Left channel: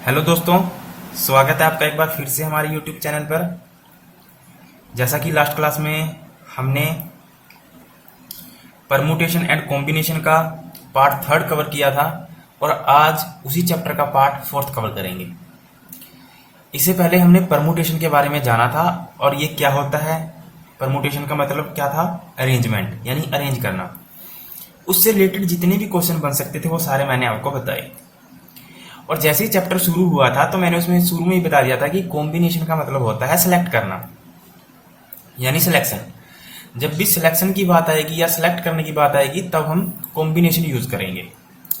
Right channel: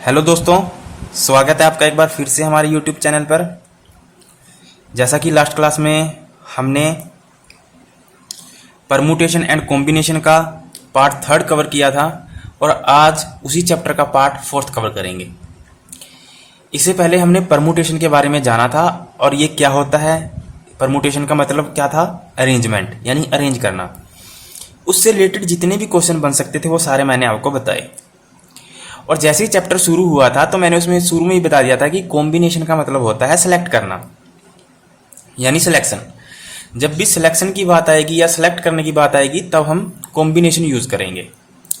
Hello दोस्तों, स्वागत है आपका एक बार फिर से हमारे यूट्यूब चैनल पर। जैसा कि लास्ट क्लास में हमने परमुटेशन एंड कॉम्बिनेशन का पार्ट थर्ड कवर किया था और आज उसी चैप्टर का पार्ट फोर्थ कवर करेंगे। इससे पहले हमने परमुटेशन के बारे में जाना था और ये क्या होता है। परमुटेशन का मतलब क्या था? अरेंजमेंट, यानी अरेंज करना। उससे रिलेटेड जितने भी क्वेश्चन बन सकते थे वो सारे मैंने आपको बताए। और जैसे ही चैप्टर शुरू हुआ था तो मैंने उसमें शुरू में ही बता दिया था कि कॉम्बिनेशन का मतलब होता है सेलेक्ट करना, यानी सिलेक्शन। जब भी सिलेक्शन की बात आएगी या सेलेक्ट करने की बात आएगी तब हम कॉम्बिनेशन यूज करेंगे।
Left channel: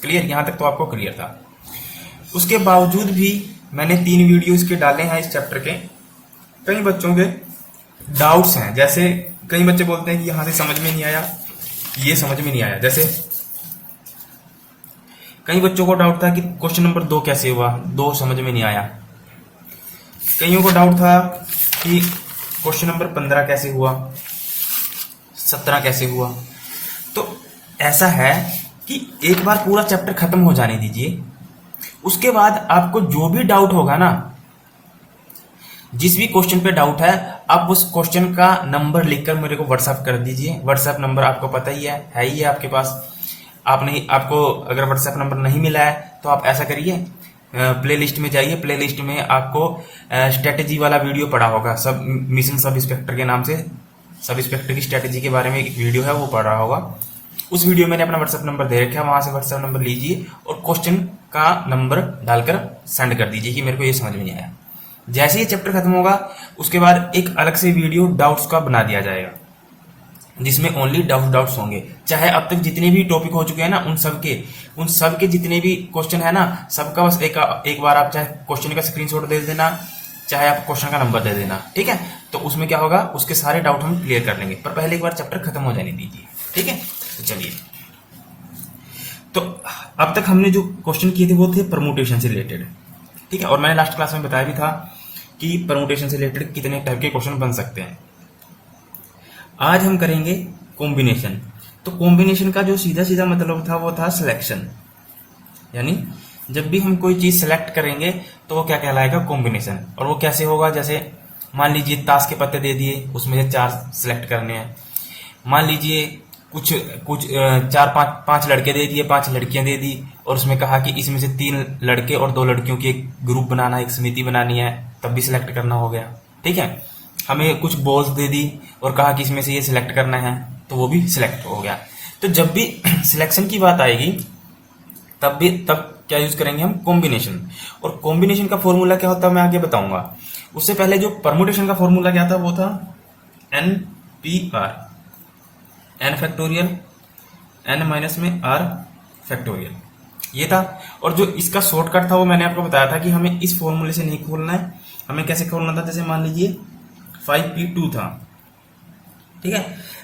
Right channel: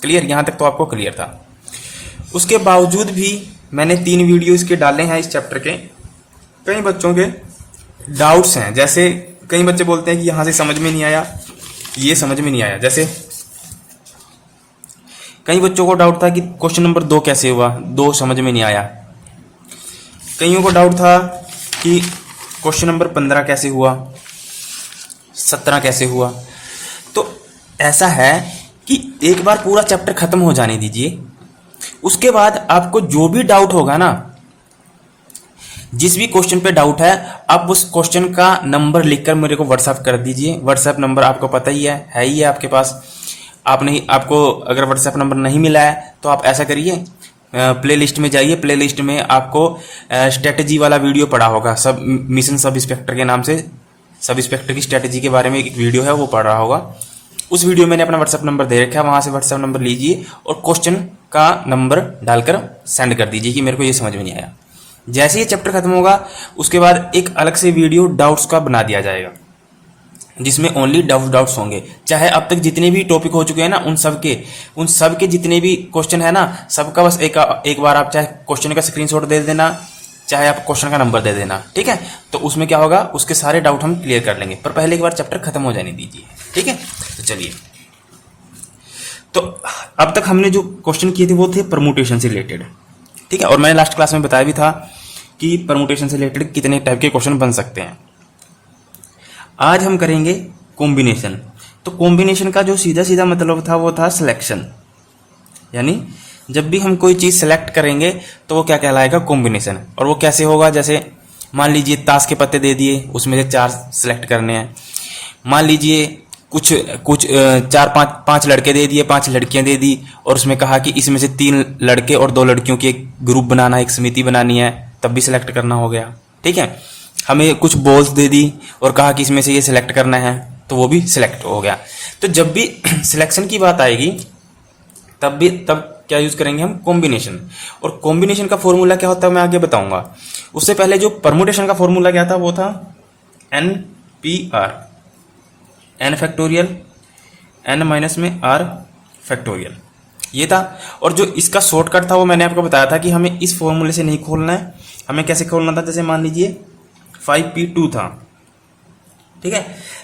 क्लियर? यहां तक तो आपको क्लियर था। उसके बावजूद भी मैंने 3 वीडियो इसके डाले हैं इस चैप्टर के। कई बच्चों के डाउट्स हैं, जैसे कई बच्चे बोलते हैं कि यहां से समझ में नहीं आया, ये समझ में नहीं आया। जैसे कई बच्चों को डाउट था कि क्वेश्चन नंबर 2 कैसे हुआ, 2 समझ में नहीं आया। कईयों को डाउट था कि क्वेश्चन नंबर 15 कैसे हुआ, 17 कैसे हुआ। तो ऐसा है कि एक बार पूरा चैप्टर खत्म हो जाने दीजिए, उसके बाद आपको जो भी डाउट होगा ना, जिस भी क्वेश्चन पे डाउट है, आप उस क्वेश्चन का नंबर लिखकर मेरे को व्हाट्सएप कर दीजिए। व्हाट्सएप नंबर आपको पता ही है ही है आपके पास। आपको अगर व्हाट्सएप नंबर नहीं मिला है तो आप ऐसा करिए, प्ले लिस्ट में जाइए। प्ले लिस्ट में आपको स्ट्रेटेजी वाला वीडियो पड़ा होगा, सब मिशन सब इंस्पेक्टर के नाम से, सब इंस्पेक्टर की स्ट्रेटेजी के बारे में एक वीडियो है, वो पढ़ रहा होगा। उस वीडियो में मैंने अपना व्हाट्सएप नंबर दे रखा है, वहां से व्हाट्सएप नंबर लीजिए और क्वेश्चन का नंबर डालकर सेंड कर दीजिए कि मेरे को ये समझ में नहीं आया। जैसे ये चैप्टर खत्म होगा उसके बाद एक अलग से वीडियो डाउट्स का बना दिया जाएगा, जिसमें ओनली डाउट्स होंगे। चाहे अब तक जितने भी टॉपिक हो चुके हैं ना, उन सब के जितने भी क्वेश्चन है ना, सबका बस एक बार आप चाहे क्वेश्चन का स्क्रीनशॉट दे देना, चाहे आप क्वेश्चन का नंबर दे देना, ठीक है। तो उसमें क्या होगा, उसके सारे डाउट हम क्लियर कर लेंगे, पर पहले एक बार चैप्टर खत्म हो जाने दीजिए, ठीक है। तो चलिए, तो अब तक हमने जो क्वेश्चन किए थे वो थे परमुटेशन से रिलेटेड, ठीक है। और मैंने लास्ट क्लास में बताया भी था कि परमुटेशन से रिलेटेड कितने टाइप के क्वेश्चन बन सकते हैं। आज हम करेंगे कॉम्बिनेशन। तो कॉम्बिनेशन का जो सीधा सीधा मतलब था वो था सिलेक्शन, यानी जब भी हम कोई चीज सेलेक्ट करेंगे तो वो क्या कहलाएगा, कॉम्बिनेशन। और वो कैसे होगा, जैसे मान लीजिए ताश के पत्ते दे दिए, उसमें से 4 सेलेक्ट करने हैं। मान लीजिए कुछ कुछ 4-5 लड़के दे दिए, 5 लड़कियां दे दी, और उसमें कहा कि इसमें से 3 लड़के और 2 लड़कियों की एक ग्रुप बनाना, एक समिति बनानी है, तब भी सिलेक्ट करना हो गया, ठीक है। हमें कुछ बॉल्स दे दी और कहा कि इसमें से ये सिलेक्ट करना है, तो वो भी सिलेक्ट हो गया। तो जब भी सिलेक्शन की बात आएगी तब क्या यूज करेंगे हम, कॉम्बिनेशन। और कॉम्बिनेशन का फॉर्मूला क्या होता है मैं आगे बताऊंगा। उससे पहले जो परमुटेशन का फॉर्मूला क्या था वो था NPR, n factorial, n minus में r फैक्टोरियल, ये था। और जो इसका शॉर्टकट था वो मैंने आपको बताया था कि हमें इस फॉर्मूले से नहीं खोलना है, हमें कैसे खोलना था। जैसे मान लीजिए 5p2 था, ठीक है।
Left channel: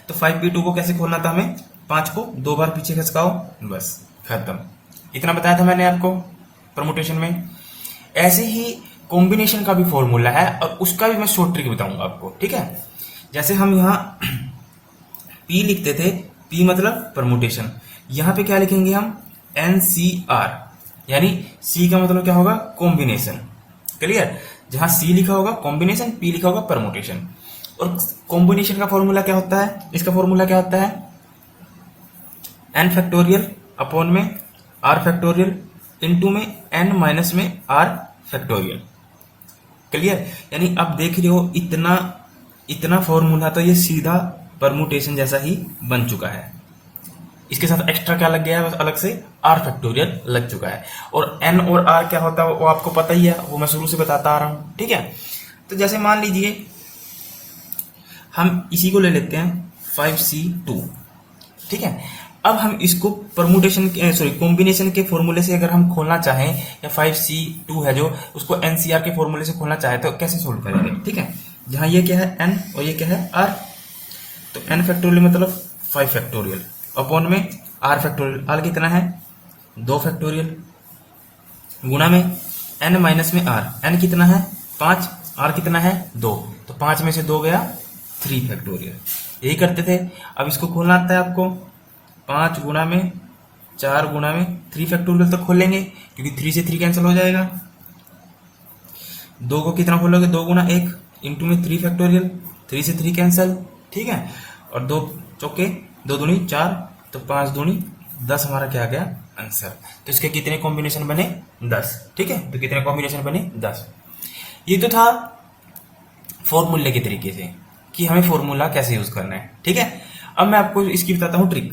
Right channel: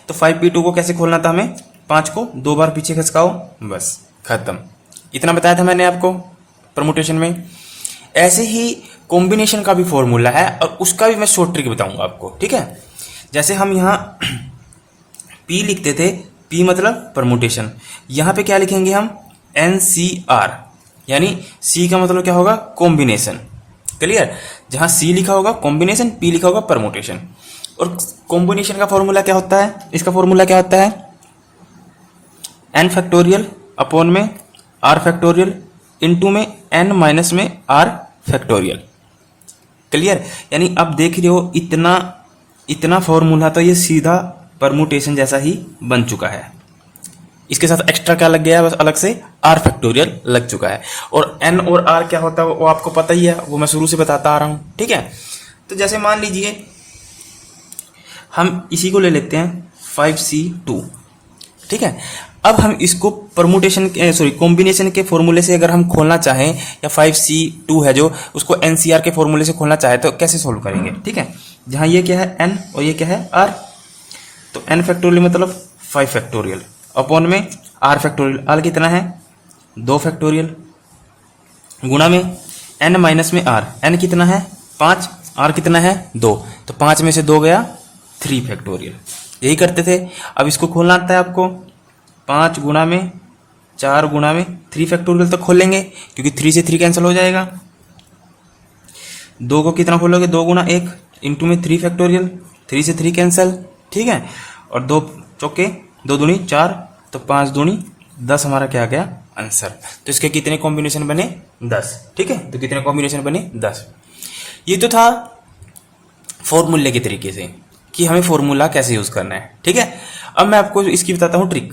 तो 5p2 को कैसे खोलना था, हमें 5 को 2 बार पीछे खसकाओ, बस खत्म। इतना बताया था मैंने आपको परमुटेशन में। ऐसे ही कॉम्बिनेशन का भी फॉर्मूला है और उसका भी मैं शॉर्ट ट्रिक बताऊंगा आपको, ठीक है। जैसे हम यहाँ p लिखते थे, p मतलब परमुटेशन, यहां पे क्या लिखेंगे हम, NCR, यानी c का मतलब क्या होगा, कॉम्बिनेशन। क्लियर? जहां c लिखा होगा कॉम्बिनेशन, p लिखा होगा परमुटेशन। और कॉम्बिनेशन का फॉर्मूला क्या होता है, इसका फॉर्मूला क्या होता है, n फैक्टोरियल अपॉन में r फैक्टोरियल इनटू में n माइनस में r फैक्टोरियल। क्लियर? यानी अब देख रहे हो इतना फॉर्मूला तो ये सीधा परमुटेशन जैसा ही बन चुका है। इसके साथ एक्स्ट्रा क्या लग गया है, बस अलग से r फैक्टोरियल लग चुका है। और n और r क्या होता है वो आपको पता ही है, वो मैं शुरू से बताता आ रहा हूं, ठीक है। तो जैसे मान लीजिए हम इसी को ले लेते हैं 5C2, ठीक है। अब हम इसको परमुटेशन कॉम्बिनेशन के फॉर्मूले से अगर हम खोलना चाहें, या 5C2 है जो, उसको NCR के फॉर्मूले से खोलना चाहे तो कैसे सोल्व करेंगे, ठीक है। जहां ये क्या है n और ये क्या है r, तो n फैक्टोरियल मतलब 5 फैक्टोरियल अपॉन में r फैक्टोरियल, r कितना है 2 फैक्टोरियल, गुणा में n माइनस में r, n कितना है 5, r कितना है 2, तो 5 में से 2 गया 3 फैक्टोरियल। यही करते थे। अब इसको खोलना आता है आपको, 5 गुणा में 4 गुणा में 3 फैक्टोरियल तक खोलेंगे, क्योंकि 3 से 3 कैंसिल हो जाएगा, दो को कितना खोलोगे, 2 गुना 1 इंटू में 3 फैक्टोरियल, 3 से 3 कैंसल, ठीक है, और 2 चौके 2 दूनी 4, तो 5 दूनी 10 हमारा क्या आ गया आंसर। तो इसके कितने कॉम्बिनेशन बने 10, ठीक है, तो कितने कॉम्बिनेशन बने 10। ये तो था फॉर्मूले के तरीके से कि हमें फॉर्मूला कैसे यूज करना है, ठीक है। अब मैं आपको इसकी बताता हूँ ट्रिक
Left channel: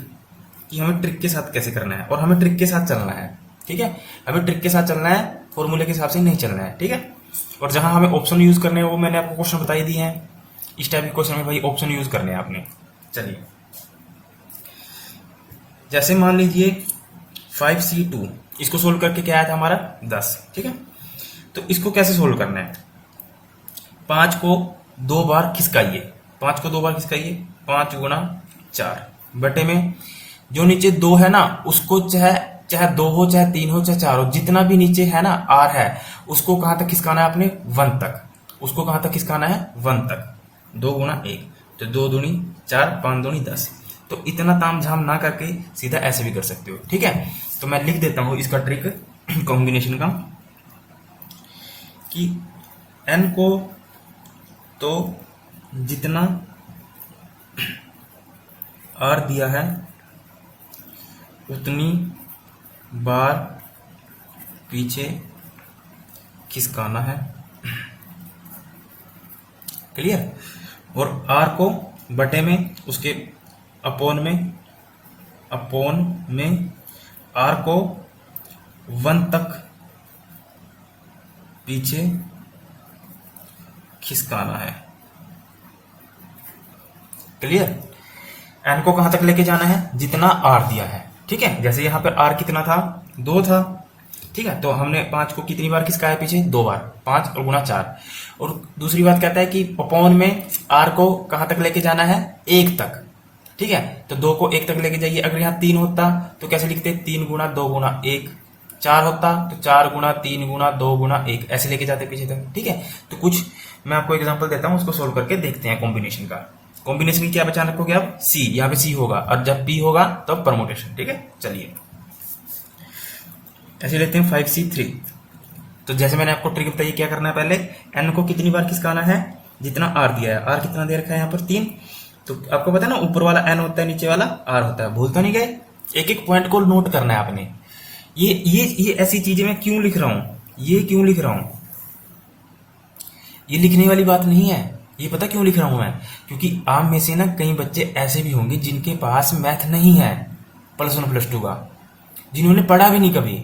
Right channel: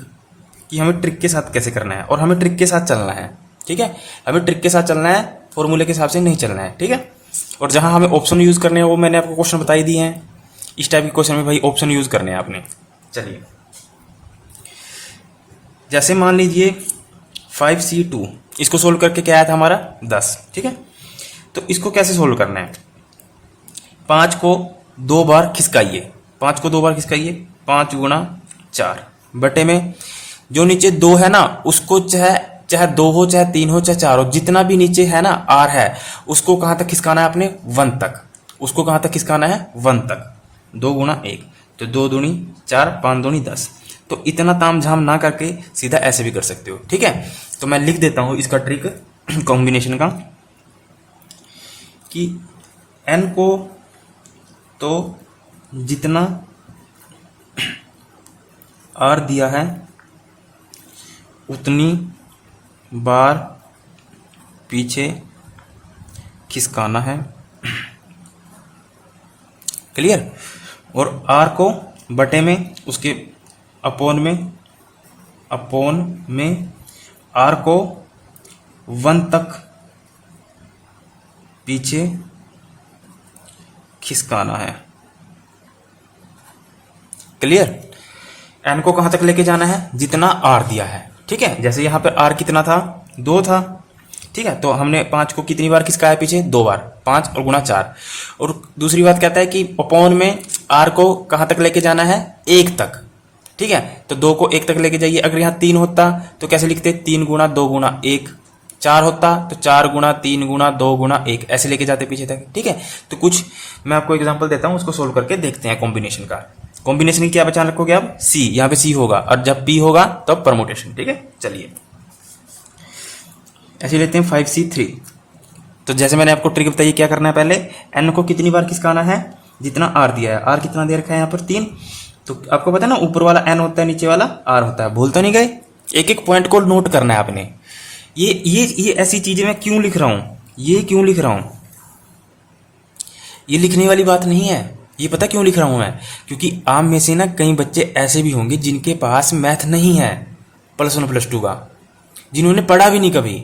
कि हमें ट्रिक के साथ कैसे करना है, और हमें ट्रिक के साथ चलना है, ठीक है। हमें ट्रिक के साथ चलना है, फॉर्मूले के हिसाब से नहीं चलना है, ठीक है। और जहां हमें ऑप्शन यूज करने हैं वो मैंने आपको क्वेश्चन बता ही दिए हैं। इस टाइप के क्वेश्चन में भाई ऑप्शन यूज करने हैं आपने। चलिए, जैसे मान लीजिए 5C2, इसको सोल्व करके क्या आया था हमारा 10, ठीक है। तो इसको कैसे सोल्व करना है, 5 को 2 बार खिसकाइए, 5 को 2 बार खिसकाइए, 5 गुना 4 बटे में जो नीचे 2 है ना उसको चाहे 2 हो, चाहे 3 हो, चाहे 4 हो, जितना भी नीचे है ना R है, उसको कहां तक खिसकाना है आपने 1 तक, उसको कहां तक खिसकाना है 1 तक। 2 गुना 1, तो 2 दूनी 4, 5 दूनी 10। तो इतना ताम झाम ना करके सीधा ऐसे भी कर सकते हो, ठीक है। तो मैं लिख देता हूं इसका ट्रिक कॉम्बिनेशन का कि n को तो जितना R दिया है उतनी बार पीछे खिसकाना है, क्लियर। और R को बटे में उसके अपोन में R को 1 तक पीछे खिसकाना है, क्लियर। n को कहां तक लेके जाना है, जितना R दिया है, ठीक है। जैसे यहां पे R कितना था 2 था, ठीक है, तो हमने 5 को कितनी बार खिसकाया पीछे 2 बार, 5 और गुना 4। और दूसरी बात कहता है कि अपॉन में R को कहां तक लेके जाना है 1 तक, ठीक है। तो 2 को 1 तक लेके जाइए। अगर यहाँ 3 होता तो कैसे लिखते, 3 गुना 2 गुना 1। 4 होता तो 4 गुना 3 गुना 2 गुना 1, ऐसे लेके जाते पीछे तक, ठीक है। तो कुछ मैं आपको एग्जाम्पल देता हूं, उसको सोल्व करके देखते हैं कॉम्बिनेशन का। कॉम्बिनेशन की क्या पहचान रखोगे आप, C, यहाँ पे C होगा, और जब P होगा तब तो परमुटेशन, ठीक है। चलिए ऐसे लेते हैं 5C3। तो जैसे मैंने आपको ट्रिक बताई, क्या करना है, पहले n को कितनी बार खिसकाना है, जितना R दिया है। R कितना दे रखा है यहाँ पर 3, तो आपको पता है ना ऊपर वाला n होता है, नीचे वाला R होता है, भूलता नहीं गए। एक एक पॉइंट को नोट करना है आपने। ये ऐसी चीजें मैं क्यों लिख रहा हूं, ये क्यों लिख रहा हूं, ये लिखने वाली बात नहीं है। ये पता क्यों लिख रहा हूं मैं, क्योंकि आप में से ना कई बच्चे ऐसे भी होंगे जिनके पास मैथ नहीं है +1 +2 का, जिन्होंने पढ़ा भी नहीं कभी।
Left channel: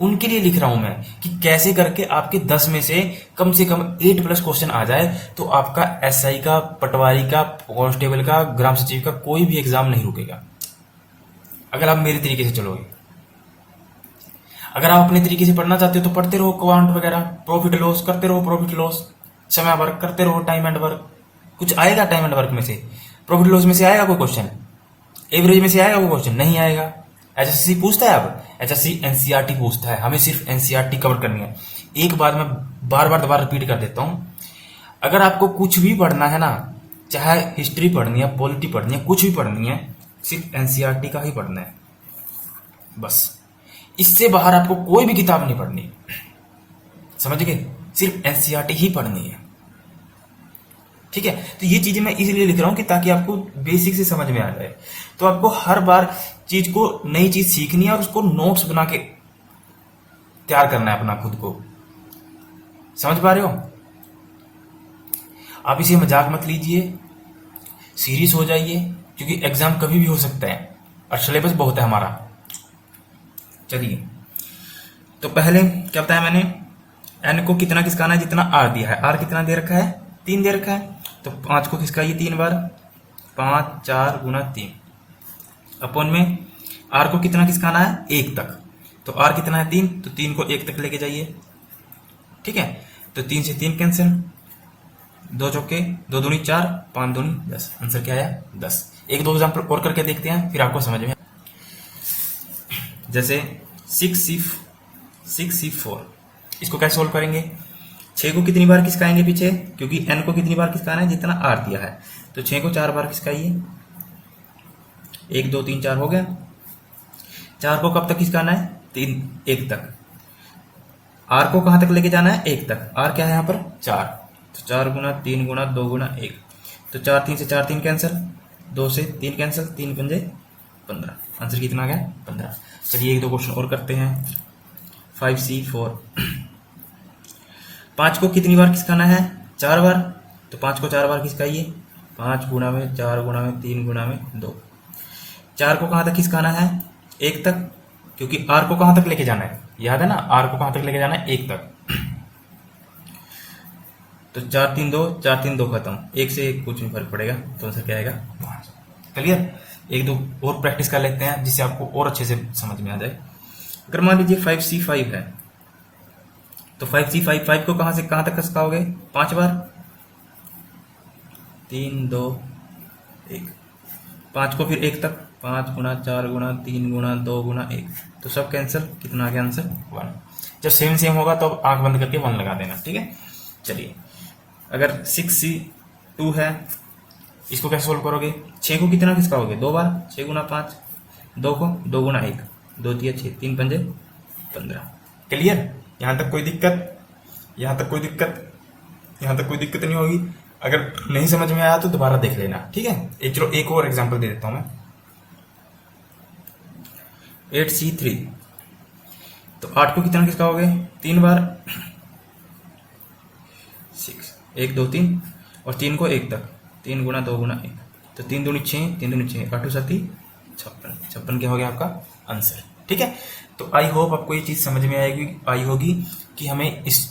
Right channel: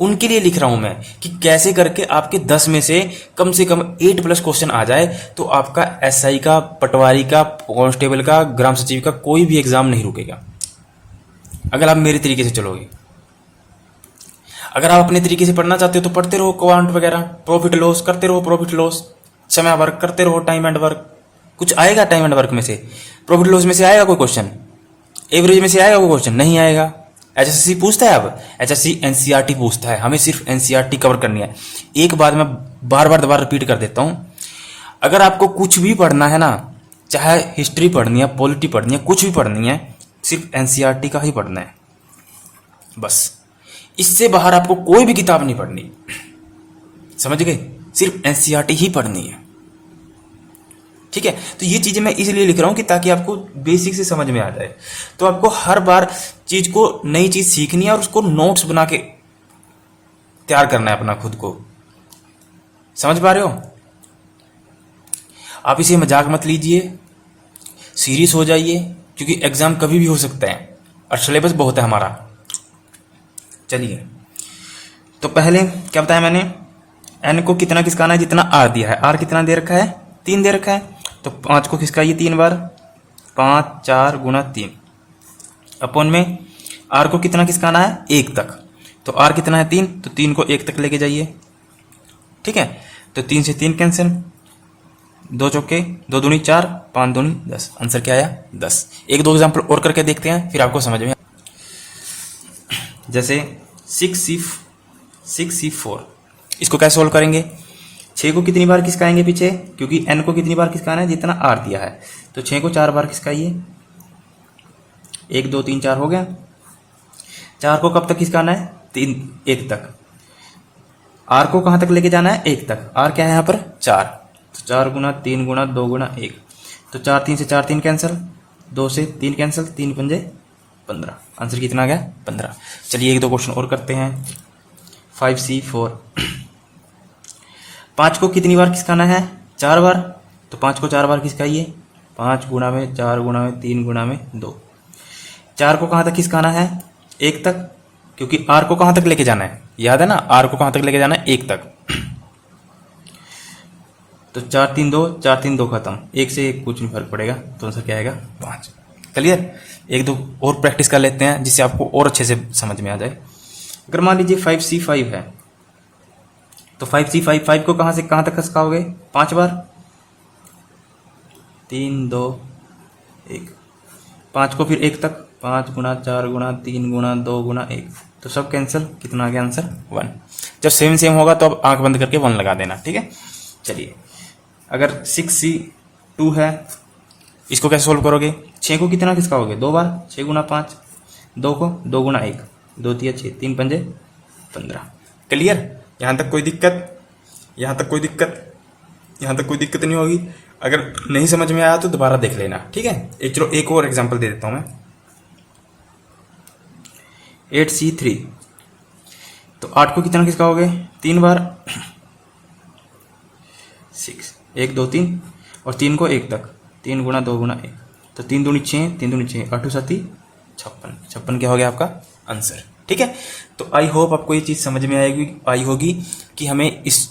उनके लिए लिख रहा हूं मैं कि कैसे करके आपके 10 में से कम 8+ क्वेश्चन आ जाए, तो आपका SI का, पटवारी का, कांस्टेबल का, ग्राम सचिव का कोई भी एग्जाम नहीं रुकेगा अगर आप मेरे तरीके से चलोगे। अगर आप अपने तरीके से पढ़ना चाहते हो तो पढ़ते रहो क्वांट वगैरह, प्रॉफिट लॉस करते रहो, प्रॉफिट लॉस, समय वर्क करते रहो, टाइम एंड वर्क। कुछ आएगा टाइम एंड वर्क में से, प्रॉफिट लॉस में से आएगा कोई क्वेश्चन, एवरेज में से आएगा कोई क्वेश्चन, नहीं आएगा। HSC पूछता है, अब HSC NCERT पूछता है, हमें सिर्फ NCERT कवर करनी है। एक बार मैं बार बार दोबारा रिपीट कर देता हूं, अगर आपको कुछ भी पढ़ना है ना, चाहे हिस्ट्री पढ़नी है, पॉलिटी पढ़नी है, कुछ भी पढ़नी है, सिर्फ NCERT का ही पढ़ना है बस। इससे बाहर आपको कोई भी किताब नहीं पढ़नी, समझ गए, सिर्फ NCERT ही पढ़नी है, ठीक है। तो ये चीजें मैं इसलिए लिख रहा हूं कि ताकि आपको बेसिक से समझ में आ जाए। तो आपको हर बार चीज को, नई चीज सीखनी है और उसको नोट्स बना के तैयार करना है अपना खुद को, समझ पा रहे हो। आप इसे मजाक मत लीजिए, सीरियस हो जाइए, क्योंकि एग्जाम कभी भी हो सकता है और सिलेबस बहुत है हमारा। चलिए, तो पहले क्या बताया मैंने, n को कितना खिसकाना है, जितना R दिया है। R कितना दे रखा है 3 दे रखा है, तो 5 को खिसकाइए 3 बार, 5 4 गुना 3 अपॉन में R को कितना खिसकाना है 1 तक, तो R कितना है 3, तो 3 को 1 तक लेके जाइए, ठीक है। तो 3 से 3 कैंसिल, 2 चौके 2 दूनी 4, 5 दूनी 10, आंसर क्या आया 10। एक दो एग्जाम्पल और करके देखते हैं, फिर आपको समझ में। जैसे 6C4, इसको कैसे सोल्व करेंगे, 6 को कितनी बार खिसकाएंगे पीछे, क्योंकि n को कितनी बार खिसकाना है, जितना R दिया है। तो 6 को 4 बार खिसकाइए, 1 2 3 4 हो गया। 4 को कब तक खिसकाना है, 1 तक। आर को कहां तक लेके जाना है? 1 तक। आर क्या है यहाँ पर? 4। तो 4 गुना 3 गुना 2 गुना 1, तो 4 3 से 4 3 कैंसिल, 2 से 3 कैंसिल, 3 पंजे 15। आंसर कितना आ गया? 15। चलिए एक दो क्वेश्चन और करते हैं। 5C4। 5 को कितनी बार खिसकाना है? 4 बार। तो 5 को 4 बार खिसकाइए। 5 गुना में 4 गुना में 3 गुना में 2। 4 को कहां तक खिसकाना है? 1 तक, क्योंकि आर को कहां तक लेके जाना है? याद है ना, आर को कहां तक लेके जाना है? 1 तक। तो 4 3 2, 4 3 2 खत्म, 1 से 1 कुछ नहीं फर्क पड़ेगा, तो आंसर क्या आएगा? 5। क्लियर? एक दो और प्रैक्टिस कर लेते हैं जिससे आपको और अच्छे से समझ में आ जाए। अगर मान लीजिए 5C5 है, तो 5C5 को कहां से कहां तक खिसकाओगे? 5 बार। 3 2 1। 5 को फिर 1 तक, 5 गुना 4 गुना 3 गुना 2 गुना 1, तो सब कैंसिल। कितना आ गया आंसर? 1। जब सेम सेम होगा तो अब आंख बंद करके 1 लगा देना, ठीक है। चलिए, अगर 6C2 है, इसको कैसे सोल्व करोगे? 6 को कितना खिसकाओगे? 2 बार। 6 गुना 5, 2 को 2 गुना 1, 2 3 6, 3 पंजे 15। क्लियर? यहां तक कोई दिक्कत? यहां तक कोई दिक्कत? यहां तक कोई दिक्कत नहीं होगी। अगर नहीं समझ में आया तो दोबारा देख लेना, ठीक है। चलो एक और एग्जांपल दे देता हूं मैं। 8C3। तो 8 को कितना खिसकाओगे? 3 बार। 6 1 2 3, और 3 को 1 तक, 3 गुना 2 गुना 1, तो 3 दूनी 6, 3 दूनी 6, 8 7 56। 56 क्या हो गया आपका आंसर, ठीक है। तो आई होप आपको ये चीज समझ में आई होगी कि हमें इस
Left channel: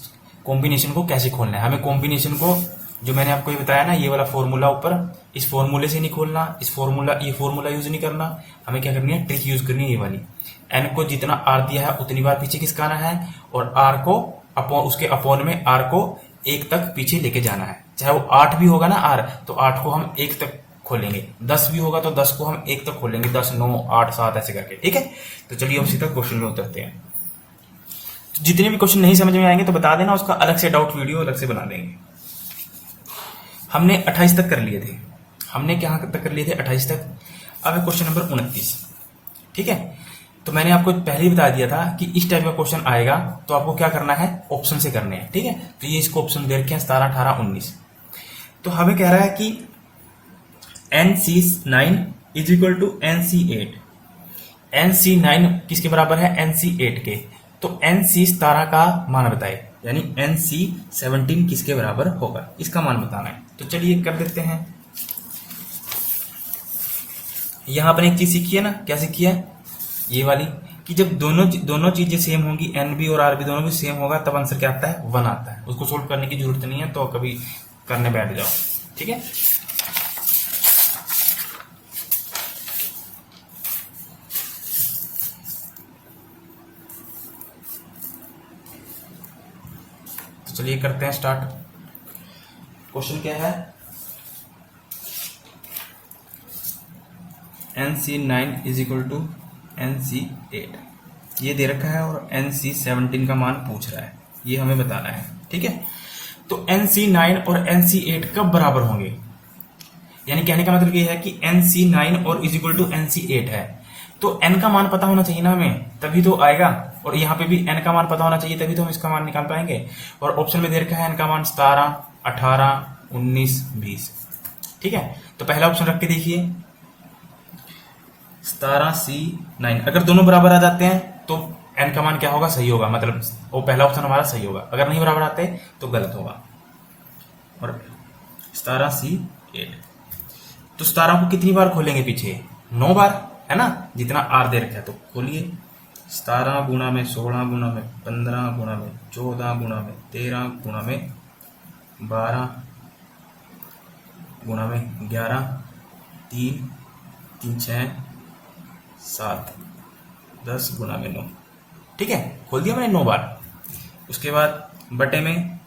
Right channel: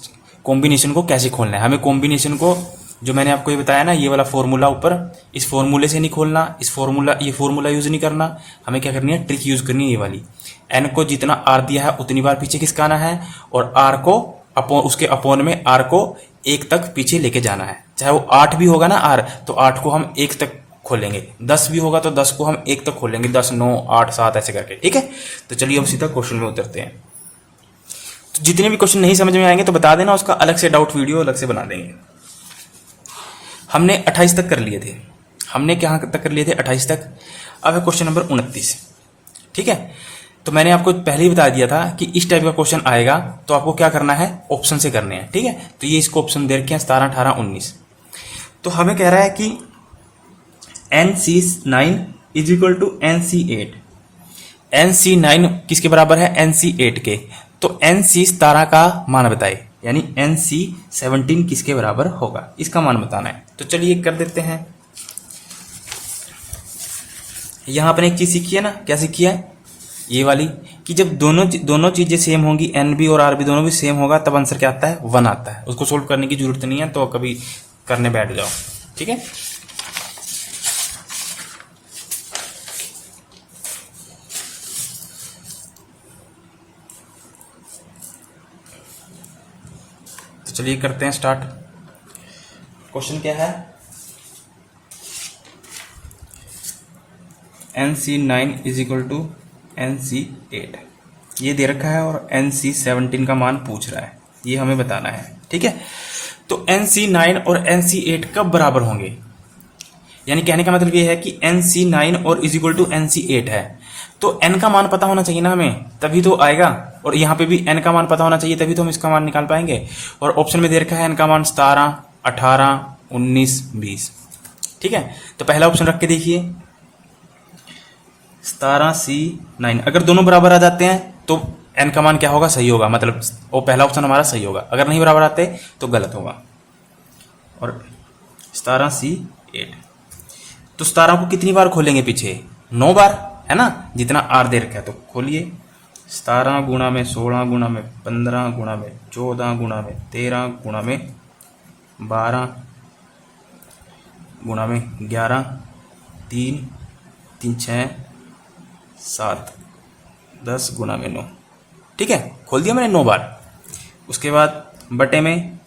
कॉम्बिनेशन को कैसे खोलना है। हमें कॉम्बिनेशन को, जो मैंने आपको ये बताया ना, ये वाला फॉर्मूला ऊपर, इस फॉर्मूले से नहीं खोलना, ये फॉर्मूला यूज नहीं करना। हमें क्या करनी है? ट्रिक यूज करनी है, ये वाली। एन को जितना आर दिया है उतनी बार पीछे खिसकाना है, और आर को उसके अपोन में आर को 1 तक पीछे लेके जाना है। चाहे वो 8 भी होगा ना आर, तो 8 को हम 1 तक खोलेंगे, 10 भी होगा तो 10 को हम 1 तक खोलेंगे, 10 9 8 7 ऐसे करके, ठीक है। तो चलिए अब सीधा क्वेश्चन में उतरते हैं। तो जितने भी क्वेश्चन नहीं समझ में आएंगे तो बता देना, उसका अलग से डाउट वीडियो अलग से बना देंगे। हमने 28 तक कर लिए थे। हमने कहां तक कर लिए थे? 28 तक। अब है क्वेश्चन नंबर 29, ठीक है। तो मैंने आपको पहले ही बता दिया था कि इस टाइप का क्वेश्चन आएगा तो आपको क्या करना है? ऑप्शन से करने हैं, ठीक है। तो ये इसको ऑप्शन दे रखे हैं 17 18 19। तो हमें कह रहा है कि NC9 is equal to NC8। NC9 किसके बराबर है? NC8 के। तो NC17 का मान बताए, यानी NC17 किसके बराबर होगा, इसका मान बताना है। तो चलिए कर देते हैं। यहां पर एक चीज सीखी है ना, क्या सीखी है? ये वाली, कि जब दोनों चीजें सेम होंगी, एन भी और आर भी दोनों भी सेम होगा, तब आंसर क्या आता है? 1 आता है। उसको सोल्व करने की जरूरत नहीं है, तो कभी करने बैठ जाओ, ठीक है। तो चलिए करते हैं स्टार्ट। क्वेश्चन क्या है? NC9 is equal to NC8 ये दे रखा है, और NC17 का मान पूछ रहा है, ये हमें बताना है, ठीक है। तो NC9 और NC8 कब बराबर होंगे? यानी कहने का मतलब ये है कि NC9 और इज इक्वल टू NC8 है, तो n का मान पता होना चाहिए ना हमें, तभी तो आएगा। और यहाँ पे भी n का मान पता होना चाहिए, तभी तो हम इसका मान निकाल पाएंगे। और ऑप्शन में दे रखा है n का मान 17 18 19 20, ठीक है। तो पहला ऑप्शन रख के देखिए, 17C9। अगर दोनों बराबर आ जाते हैं तो n का मान क्या होगा? सही होगा, मतलब वो पहला ऑप्शन हमारा सही होगा। अगर नहीं बराबर आते तो गलत होगा। और 17C8, तो 17 को कितनी बार खोलेंगे पीछे? 9 बार, है ना, जितना आर दे रखा है। तो खोलिए, 17 गुणा में 16 गुणा में 15 गुणा में 14 गुणा में 13 गुणा में 12 गुणा में 11, 3 3 6 7 10 गुणा में 9, ठीक है। खोल दिया मैंने 9 बार। उसके बाद बटे में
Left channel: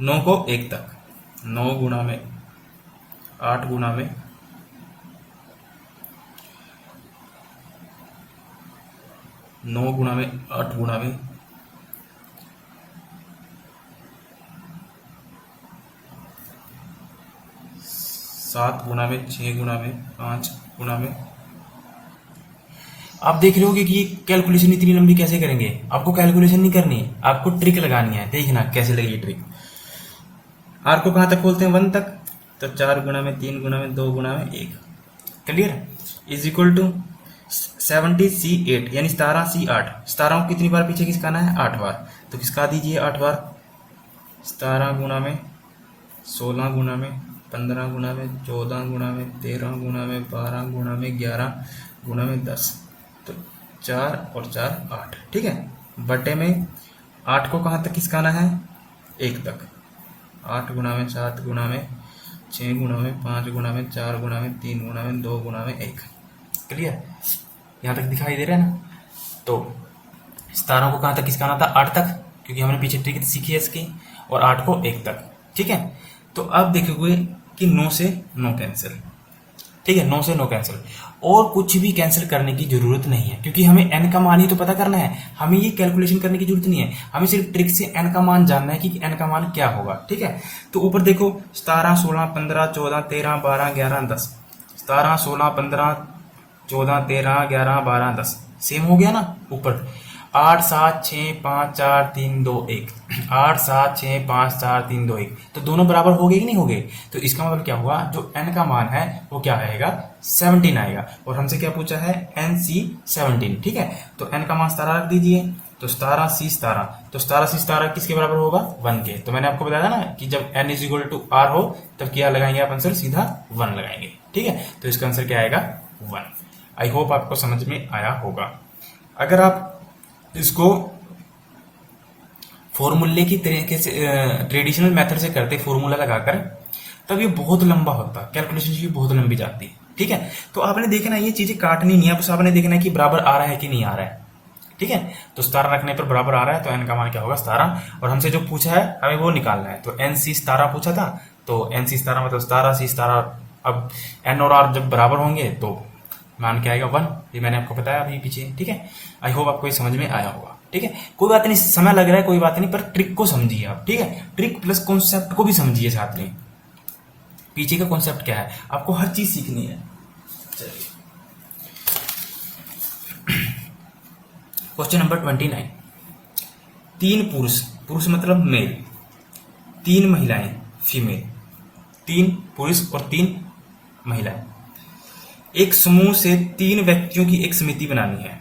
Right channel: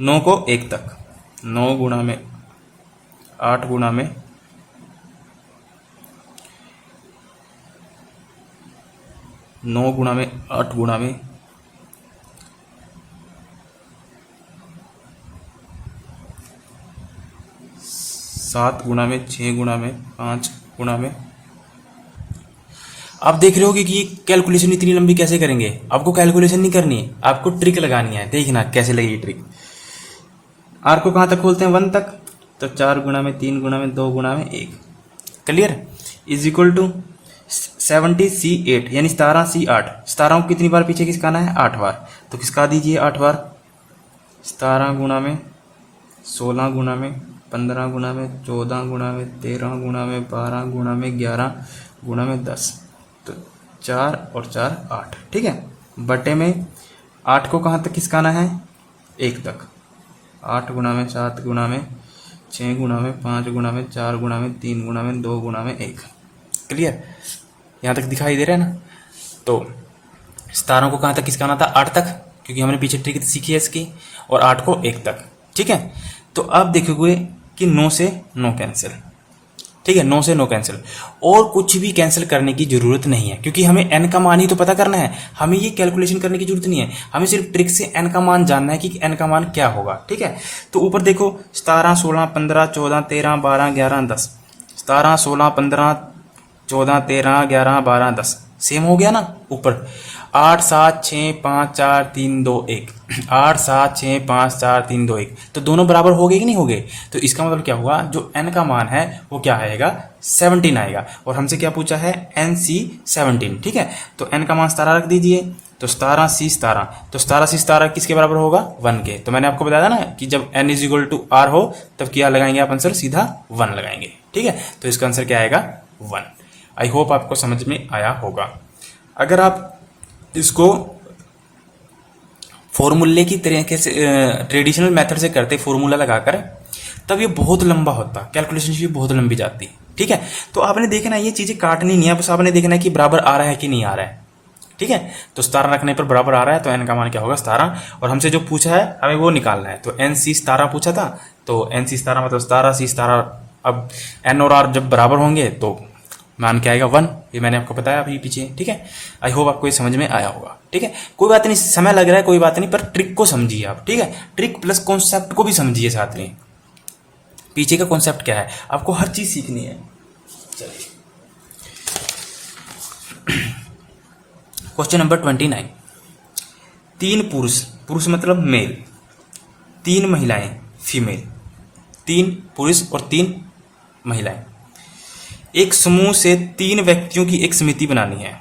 9 को 1 तक, 9 गुणा में 8 गुणा में 9 गुणा में 8 गुणा में 7 गुणा में 6 गुणा में 5 गुणा में। आप देख रहे हो कि ये कैलकुलेशन इतनी लंबी कैसे करेंगे। आपको कैलकुलेशन नहीं करनी है, आपको ट्रिक लगानी है। देखना कैसे लगेगी ट्रिक। आर को कहां तक खोलते हैं, 1 तक। तो 4 गुणा में 3 गुणा में 2 गुणा में 1, clear, is equal to 70C8 यानी 17C8। 17 को कितनी बार पीछे खिसकाना है, 8 बार। तो खिसका दीजिए 8 बार। 17 गुणा में 16 गुणा में 15 गुणा में 14 गुणा में 13 गुणा में 12 गुणा में 11 गुणा में 10। तो 4 और 4 8, ठीक है। बटे में 8 को कहाँ तक खिसकाना है, 1 तक। 8 गुणा में 7 गुणा में 6 गुणा में 5 गुणा में 4 गुणा में 3 गुणा में 2 गुणा में 1, क्लियर। यहाँ तक दिखाई दे रहा है ना। तो 17 को कहाँ तक खिसकाना था, 8 तक, क्योंकि हमने पीछे ट्रिक सीखी है इसकी। और 8 को 1 तक, ठीक है। तो अब देखोगे कि 9 से 9 कैंसिल, ठीक है, 9 से 9 कैंसिल। और कुछ भी कैंसिल करने की जरूरत नहीं है, क्योंकि हमें n का मान ही तो पता करना है। हमें ये कैलकुलेशन करने की जरूरत नहीं है, हमें सिर्फ ट्रिक से n का मान जानना है कि n का मान क्या होगा, ठीक है। तो ऊपर देखो 17 16 15 14 13 12 11 10। 17 16 15 14 13 11 12 10 सेम हो गया ना ऊपर। 8 7 6 5 4 3 2 1, 8 7 6 5 4 3 2 1। तो दोनों बराबर हो गए कि नहीं हो गए। तो इसका मतलब क्या हुआ, जो n का मान है वो क्या आएगा, 17 आएगा। और हमसे क्या पूछा है, NC 17, ठीक है। तो n का मान 17 रख दीजिए। तो 17C 17, तो 17C 17 किसके बराबर होगा, 1 के। तो मैंने आपको बताया ना कि जब n is equal to r हो तब क्या लगाएंगे आप आंसर, सीधा 1 लगाएंगे, ठीक है। तो इसका आंसर क्या आएगा, 1। आई होप आपको समझ में आया होगा। अगर आप इसको फॉर्मूले की तरीके से ट्रेडिशनल मेथड से करते, फॉर्मूला लगाकर, तब ये बहुत लंबा होता, कैलकुलेशन भी बहुत लंबी जाती, ठीक है। तो आपने देखना ये चीजें काटनी नहीं है, बस आपने देखना है कि बराबर आ रहा है कि नहीं आ रहा है, ठीक है। तो 17 रखने पर बराबर आ रहा है, तो n का मान क्या होगा, 17। और हमसे जो पूछा है हमें वो निकालना है। तो NC 17 पूछा था, तो NC 17 मतलब 17C 17। अब n और r जब बराबर होंगे तो मान क्या आएगा, 1। ये मैंने आपको बताया अभी पीछे, ठीक है। आई होप आपको ये समझ में आया होगा, ठीक है। कोई बात नहीं, समय लग रहा है कोई बात नहीं, पर ट्रिक को समझिए आप, ठीक है। ट्रिक प्लस कॉन्सेप्ट को भी समझिए साथ में। पीछे का कॉन्सेप्ट क्या है, आपको हर चीज सीखनी है। चलिए क्वेश्चन नंबर 29। 3 पुरुष, पुरुष मतलब मेल, 3 महिलाएं फीमेल, 3 पुरुष और 3 महिलाएं, एक समूह से 3 व्यक्तियों की एक समिति बनानी है।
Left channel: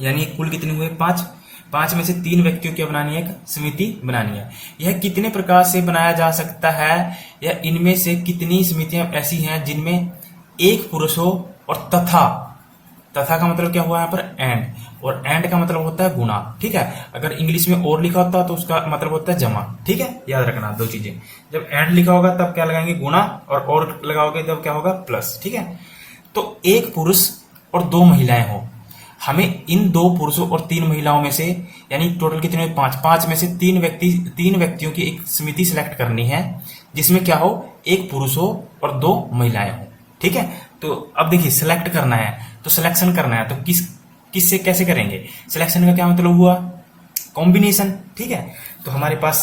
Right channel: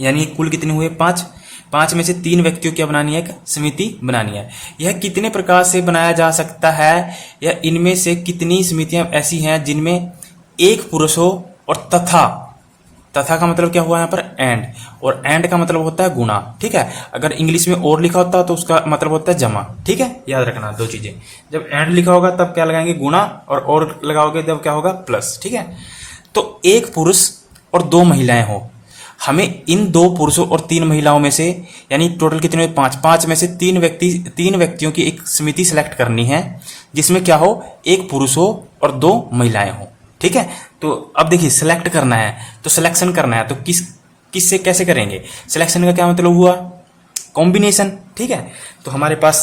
यानी कुल कितने हुए, 5। 5 में से 3 व्यक्तियों की बनानी है, एक समिति बनानी है। यह कितने प्रकार से बनाया जा सकता है, या इनमें से कितनी समितियां ऐसी हैं जिनमें एक पुरुष हो और तथा, तथा का मतलब क्या हुआ यहाँ पर, एंड, और एंड का मतलब होता है गुणा, ठीक है। अगर इंग्लिश में और लिखा होता तो उसका मतलब होता है जमा, ठीक है। याद रखना 2 चीजें, जब एंड लिखा होगा तब क्या लगाएंगे, गुणा, और लगाओगे तब क्या होगा, प्लस, ठीक है। तो एक पुरुष और 2 महिलाएं हो, हमें इन 2 पुरुषों और 3 महिलाओं में से, यानी टोटल कितने, 5 में से 3 व्यक्तियों की एक समिति सेलेक्ट करनी है, जिसमें क्या हो, एक पुरुष हो और 2 महिलाएं हो, ठीक है। तो अब देखिए सिलेक्ट करना है, तो सिलेक्शन करना है, तो किससे कैसे करेंगे। सिलेक्शन का क्या मतलब हुआ, कॉम्बिनेशन, ठीक है। तो हमारे पास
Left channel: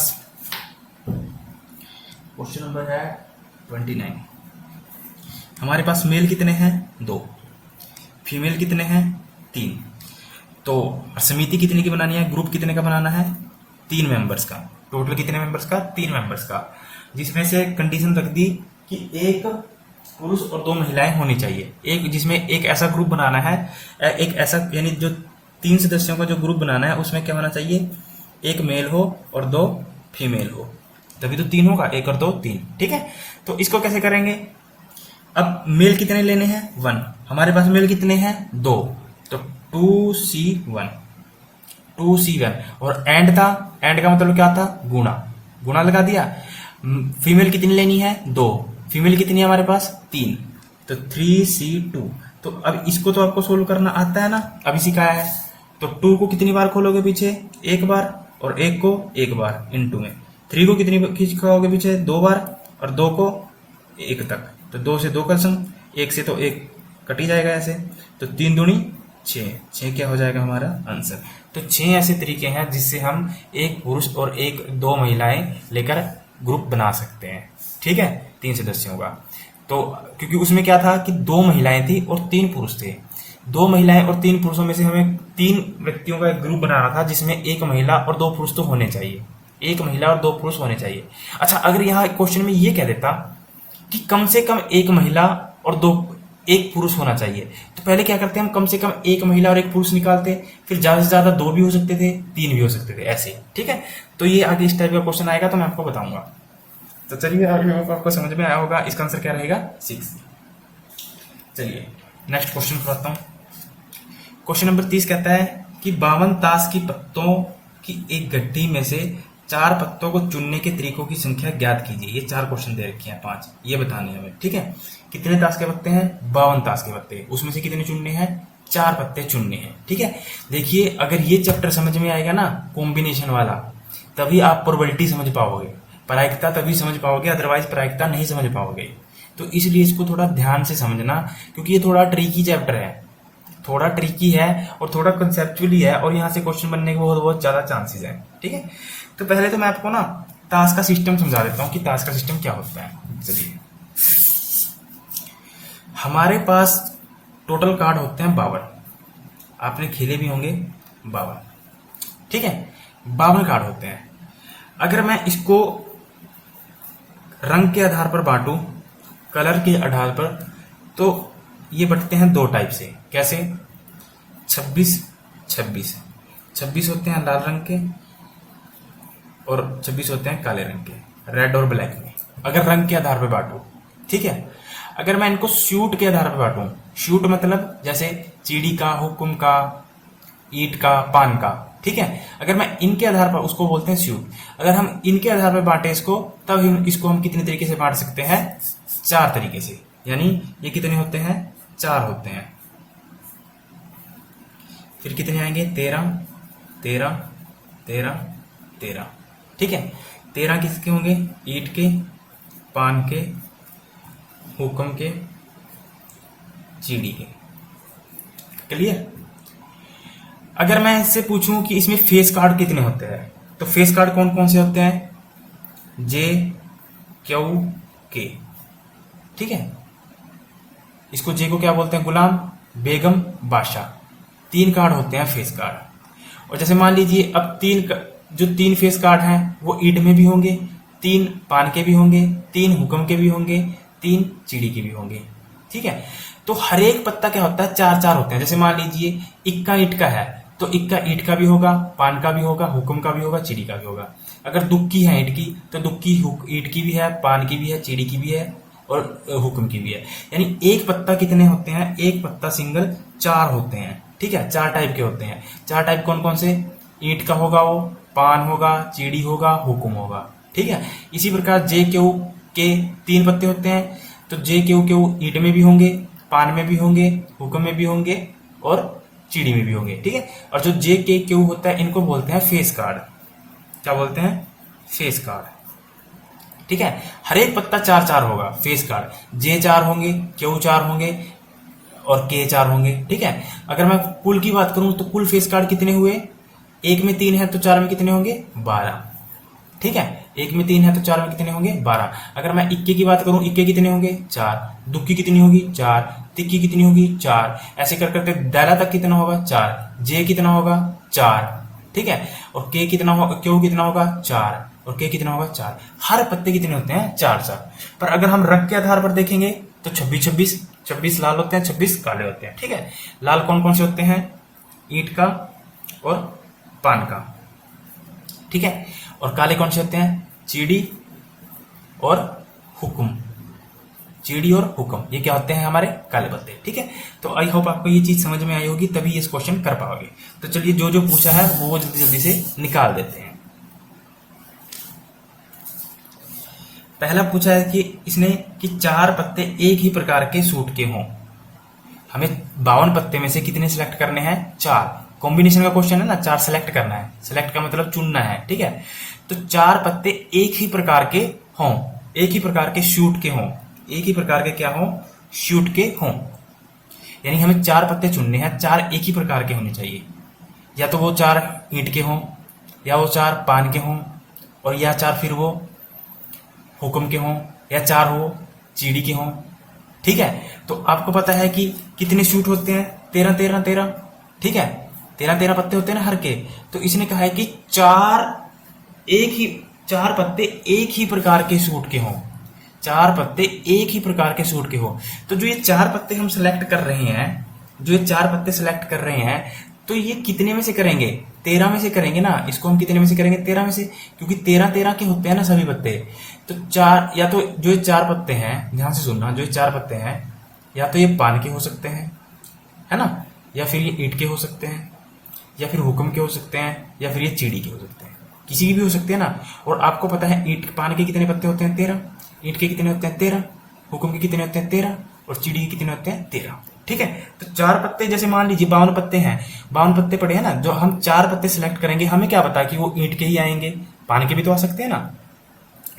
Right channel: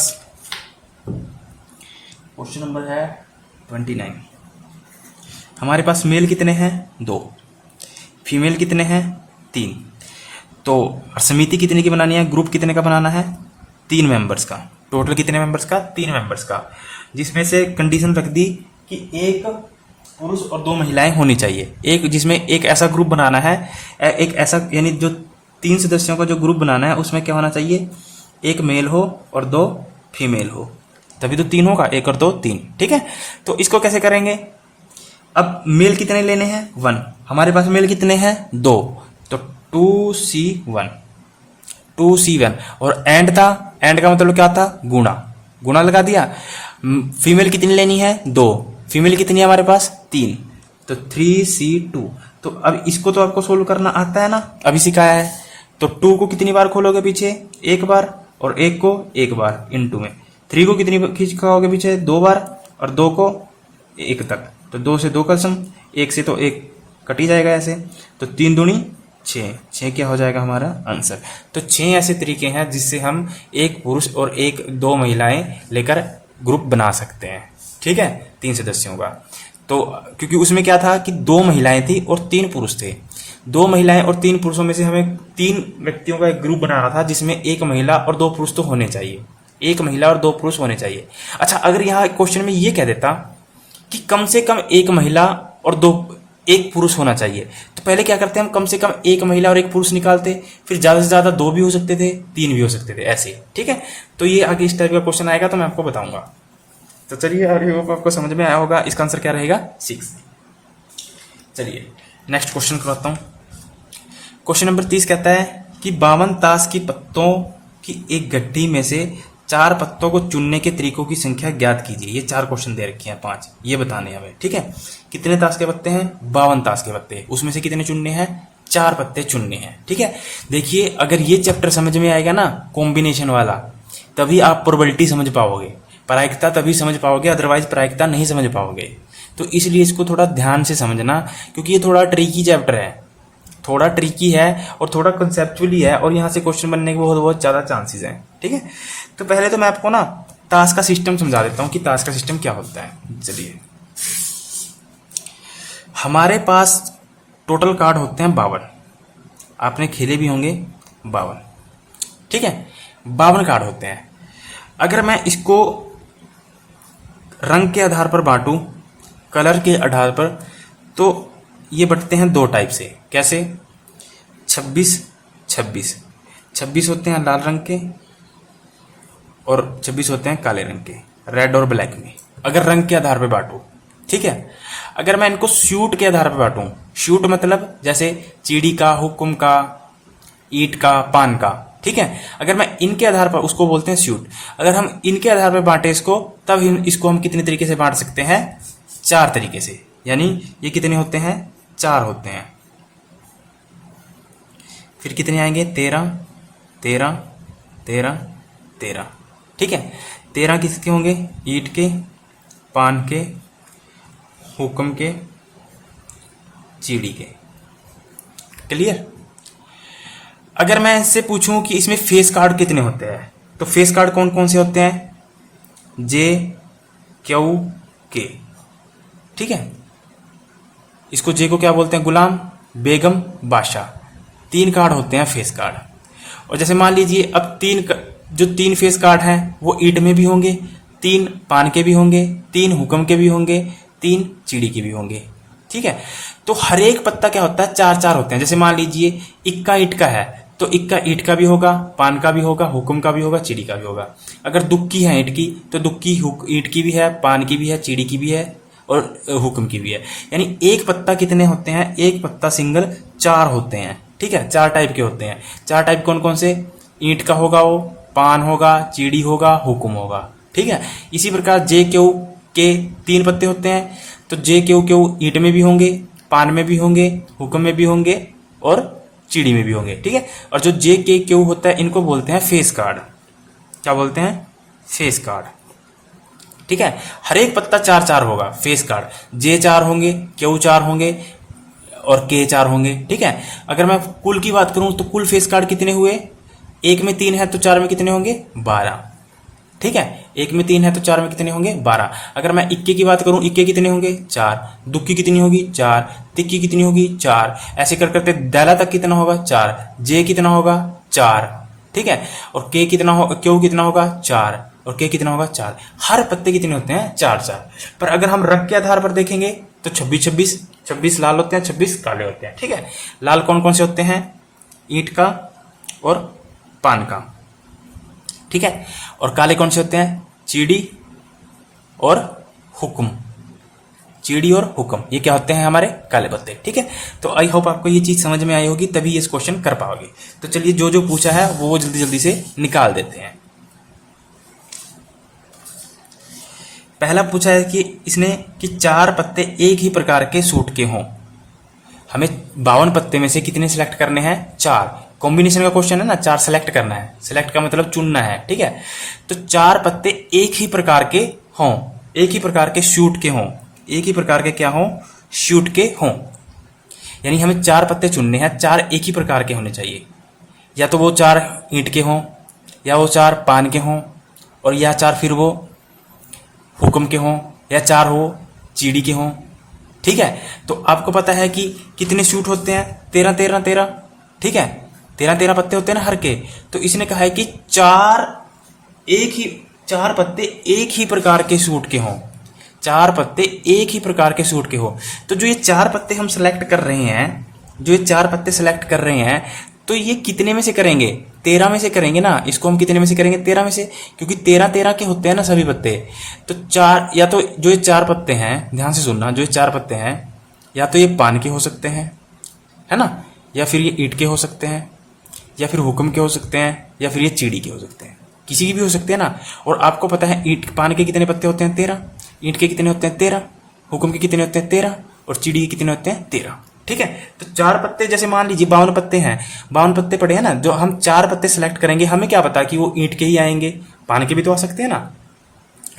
क्वेश्चन नंबर है 29। हमारे पास मेल कितने हैं, 2, फीमेल कितने हैं, 3। तो समिति कितने की बनानी है, ग्रुप कितने का बनाना है, 3 मेंबर्स का। टोटल कितने मेंबर्स का, 3 मेंबर्स का, जिसमें से कंडीशन रख दी कि एक पुरुष और 2 महिलाएं होनी चाहिए। एक जिसमें एक ऐसा ग्रुप बनाना है, एक ऐसा, यानी जो 3 सदस्यों का जो ग्रुप बनाना है उसमें क्या होना चाहिए, एक मेल हो और 2 फीमेल हो, तभी तो 3 होगा, 1 और 2 3, ठीक है। तो इसको कैसे करेंगे, अब मेल कितने लेने हैं, 1। हमारे पास मेल कितने हैं, 2, तो 2C1, 2C1। और एंड था, एंड का मतलब क्या था, गुणा, गुणा लगा दिया। फीमेल कितनी लेनी है, 2, फीमेल कितनी है हमारे पास, 3, तो 3C2। तो अब इसको तो आपको सोल्व करना आता है ना, अभी सिखाया है। तो 2 को कितनी बार खोलोगे पीछे, 1 बार, और 1 को 1 बार इनटू में। 3 को कितनी खिसकाओगे पीछे, 2 बार, और 2 को 1 तक, तो 2 से 2 का सम, 1 से तो 1 कट ही जाएगा ऐसे, तो 3 दूनी 6, 6 क्या हो जाएगा हमारा आंसर। तो 6 ऐसे तरीके हैं जिससे हम एक पुरुष और 2 महिलाएं लेकर ग्रुप बना सकते हैं, ठीक है, 3 सदस्यों का। तो क्योंकि उसमें क्या था कि 2 महिलाएं थी और 3 पुरुष थे, दो महिलाएं और तीन पुरुषों में से हमें तीन व्यक्तियों का एक ग्रुप बनाना था जिसमें एक महिला और दो पुरुष तो होने चाहिए, एक महिला और दो पुरुष होने चाहिए। अच्छा, अगर यहाँ क्वेश्चन में ये कह देता कि कम से कम एक महिला और एक पुरुष होना चाहिए, तो पहले क्या करते हैं, हम कम से कम एक महिला और एक पुरुष निकालते, फिर ज्यादा से ज्यादा दो भी हो सकते थे, तीन भी हो सकते थे, ऐसे। ठीक है, तो ये आगे इस टाइप का क्वेश्चन आएगा तो मैं आपको बताऊंगा। तो चलिए, और आपको समझ में आया होगा, इसका आंसर क्या रहेगा 6। चलिए नेक्स्ट क्वेश्चन करता हूं। क्वेश्चन नंबर 30 कहता है कि 52 ताश की पत्तों की एक गड्ढी में से 4 पत्तों को चुनने के तरीकों की संख्या ज्ञात कीजिए। ये 4 क्वेश्चन दे रखे हैं, 5 ये बताने हैं हमें। ठीक है, कितने ताश के पत्ते हैं, 52 ताश के पत्ते, उसमें से कितने चुनने हैं, 4 पत्ते चुनने हैं। ठीक है, देखिए अगर ये चैप्टर समझ में आएगा ना कॉम्बिनेशन वाला, तभी आप प्रोबेबिलिटी समझ पाओगे, प्रायिकता तभी समझ पाओगे, अदरवाइज प्रायिकता नहीं समझ पाओगे। तो इसलिए इसको थोड़ा ध्यान से समझना, क्योंकि ये थोड़ा ट्रिकी चैप्टर है, थोड़ा ट्रिकी है और थोड़ा कंसेप्चुअली है, और यहाँ से क्वेश्चन बनने के बहुत ज्यादा चांसेस हैं। ठीक है, तो पहले तो मैं आपको ना ताश का सिस्टम समझा देता हूँ कि ताश का सिस्टम क्या होता है। चलिए, हमारे पास टोटल कार्ड होते हैं 52, आपने खेले भी होंगे 52। ठीक है, 52 कार्ड होते हैं। अगर मैं इसको रंग के आधार पर बांटूं, कलर के आधार पर, तो ये बंटते हैं 2 टाइप से। कैसे, 26 26 होते हैं लाल रंग के और 26 होते हैं काले रंग के, रेड और ब्लैक में, अगर रंग के आधार पर बांटूं। ठीक है, अगर मैं इनको शूट के आधार पर बांटूं, शूट मतलब जैसे चीड़ी का, हुक्म का, ईंट का, पान का। ठीक है, अगर मैं इनके आधार पर, उसको बोलते हैं शूट। अगर हम इनके आधार पर बांटे इसको, तब इसको हम कितने तरीके से बांट सकते हैं, 4 तरीके से। यानी ये कितने होते हैं, 4 होते हैं। फिर कितने आएंगे, 13 13 13 13। ठीक है, 13 किसके होंगे, ईंट के, पान के, हुक्म के, चीड़ी के। क्लियर। अगर मैं इससे पूछूं कि इसमें फेस कार्ड कितने होते हैं, तो फेस कार्ड कौन कौन से होते हैं, जे, क्यू, के। ठीक है, इसको जे को क्या बोलते हैं, गुलाम, बेगम, बादशाह। 3 कार्ड होते हैं फेस कार्ड। और जैसे मान लीजिए अब जो 3 फेस कार्ड हैं वो ईंट में भी होंगे, 3 पान के भी होंगे, 3 हुक्म के भी होंगे, 3 चीड़ी के भी होंगे। ठीक है, तो हर एक पत्ता क्या होता है, 4-4 होते हैं। जैसे मान लीजिए इक्का ईंट का है, तो इक्का ईंट का भी होगा, पान का भी होगा, हुक्म का भी होगा, चीड़ी का भी होगा। अगर दुक्की है ईंट की, तो दुक्की ईंट की भी है, पान की भी है, चीड़ी की भी है और हुक्म की भी है। यानी एक पत्ता कितने होते हैं, एक पत्ता सिंगल 4 होते हैं। ठीक है, 4 टाइप के होते हैं। 4 टाइप कौन कौन से, ईंट का होगा वो, पान होगा, चीड़ी होगा, हुक्म होगा। ठीक है, इसी प्रकार जे क्यू के 3 पत्ते होते हैं, तो जे क्यू क्यू ईंट में भी होंगे, पान में भी होंगे, हुक्म में भी होंगे और चीड़ी में भी होंगे। ठीक है, और जो जे के क्यू होता है इनको बोलते हैं फेस कार्ड। क्या बोलते हैं, फेस कार्ड। ठीक है, हर एक पत्ता 4-4 होगा फेस कार्ड, जे 4 होंगे, क्यू 4 होंगे और के 4 होंगे। ठीक है, अगर मैं कुल की बात करूं तो कुल फेस कार्ड कितने हुए, एक में 3 है तो 4 में कितने होंगे, 12। ठीक है, एक में 3 है तो 4 में कितने होंगे, 12। अगर मैं इक्के की बात करूं, इक्के कितने होंगे, 4। दुक्की कितनी होगी, 4। तिक्की कितनी होगी, 4। ऐसे कर करते दैला तक कितना होगा, 4। जे कितना होगा, 4। ठीक है, और के कितना होगा, क्यू कितना होगा, 4। और के कितना होगा, 4। हर पत्ते कितने होते हैं, 4-4। पर अगर हम रंग के आधार पर देखेंगे तो 26 लाल होते हैं, 26 काले होते हैं। ठीक है, लाल कौन कौन से होते हैं, ईंट का और पान का। ठीक है, और काले कौन से होते हैं, चीड़ी और हुक्म। चीड़ी और हुक्म ये क्या होते हैं, हमारे काले पत्ते। ठीक है, तो आई होप आपको ये चीज समझ में आई होगी, तभी इस क्वेश्चन कर पाओगे। तो चलिए जो जो पूछा है वो जल्दी जल्दी से निकाल देते हैं। पहला पूछा है कि इसने कि 4 पत्ते एक ही प्रकार के सूट के हों। हमें 52 पत्ते में से कितने सिलेक्ट करने हैं, 4। कॉम्बिनेशन का क्वेश्चन है ना, 4 सेलेक्ट करना है, सिलेक्ट का मतलब चुनना है। ठीक है, तो 4 पत्ते एक ही प्रकार के हों, एक ही प्रकार के शूट के हों, एक ही प्रकार के क्या हों, शूट के हों। यानी हमें 4 पत्ते चुनने हैं, 4 एक ही प्रकार के होने चाहिए। या तो वो 4 ईंट के हों, या वो 4 पान के हों, और या 4 फिर वो हुक्म के हों, या 4 हो चीड़ी के हों। ठीक है, तो आपको पता है कि कितने शूट होते हैं, 13 13 13, ठीक है, 13 13 पत्ते होते हैं ना हर के। तो इसने कहा है कि चार पत्ते एक ही प्रकार के सूट के हों, 4 पत्ते एक ही प्रकार के सूट के हो। तो जो ये 4 पत्ते हम सेलेक्ट कर रहे हैं, जो ये 4 पत्ते सेलेक्ट कर रहे हैं, तो ये कितने में से करेंगे? 13 में से करेंगे ना। इसको हम कितने में से करेंगे? 13 में से, क्योंकि 13 13 के होते हैं ना सभी पत्ते। तो 4, या तो जो ये 4 पत्ते हैं, ध्यान से सुनना, जो ये 4 पत्ते हैं या तो ये पान के हो सकते हैं, है ना, या फिर ये ईंट के हो सकते हैं, या फिर हुक्म के हो सकते हैं, या फिर ये चीड़ी के हो सकते हैं, किसी की भी हो सकते हैं ना। और आपको पता है ईंट पान के कितने पत्ते होते हैं? 13। ईंट के कितने होते हैं? 13। हुक्म के कितने होते हैं? 13। और चीड़ी के कितने होते हैं? 13। ठीक है, तो 4 पत्ते, जैसे मान लीजिए 52 पत्ते हैं, 52 पत्ते पड़े हैं ना, जो हम 4 पत्ते सिलेक्ट करेंगे, हमें क्या पता कि वो ईंट के ही आएंगे, पान के भी तो आ सकते हैं ना,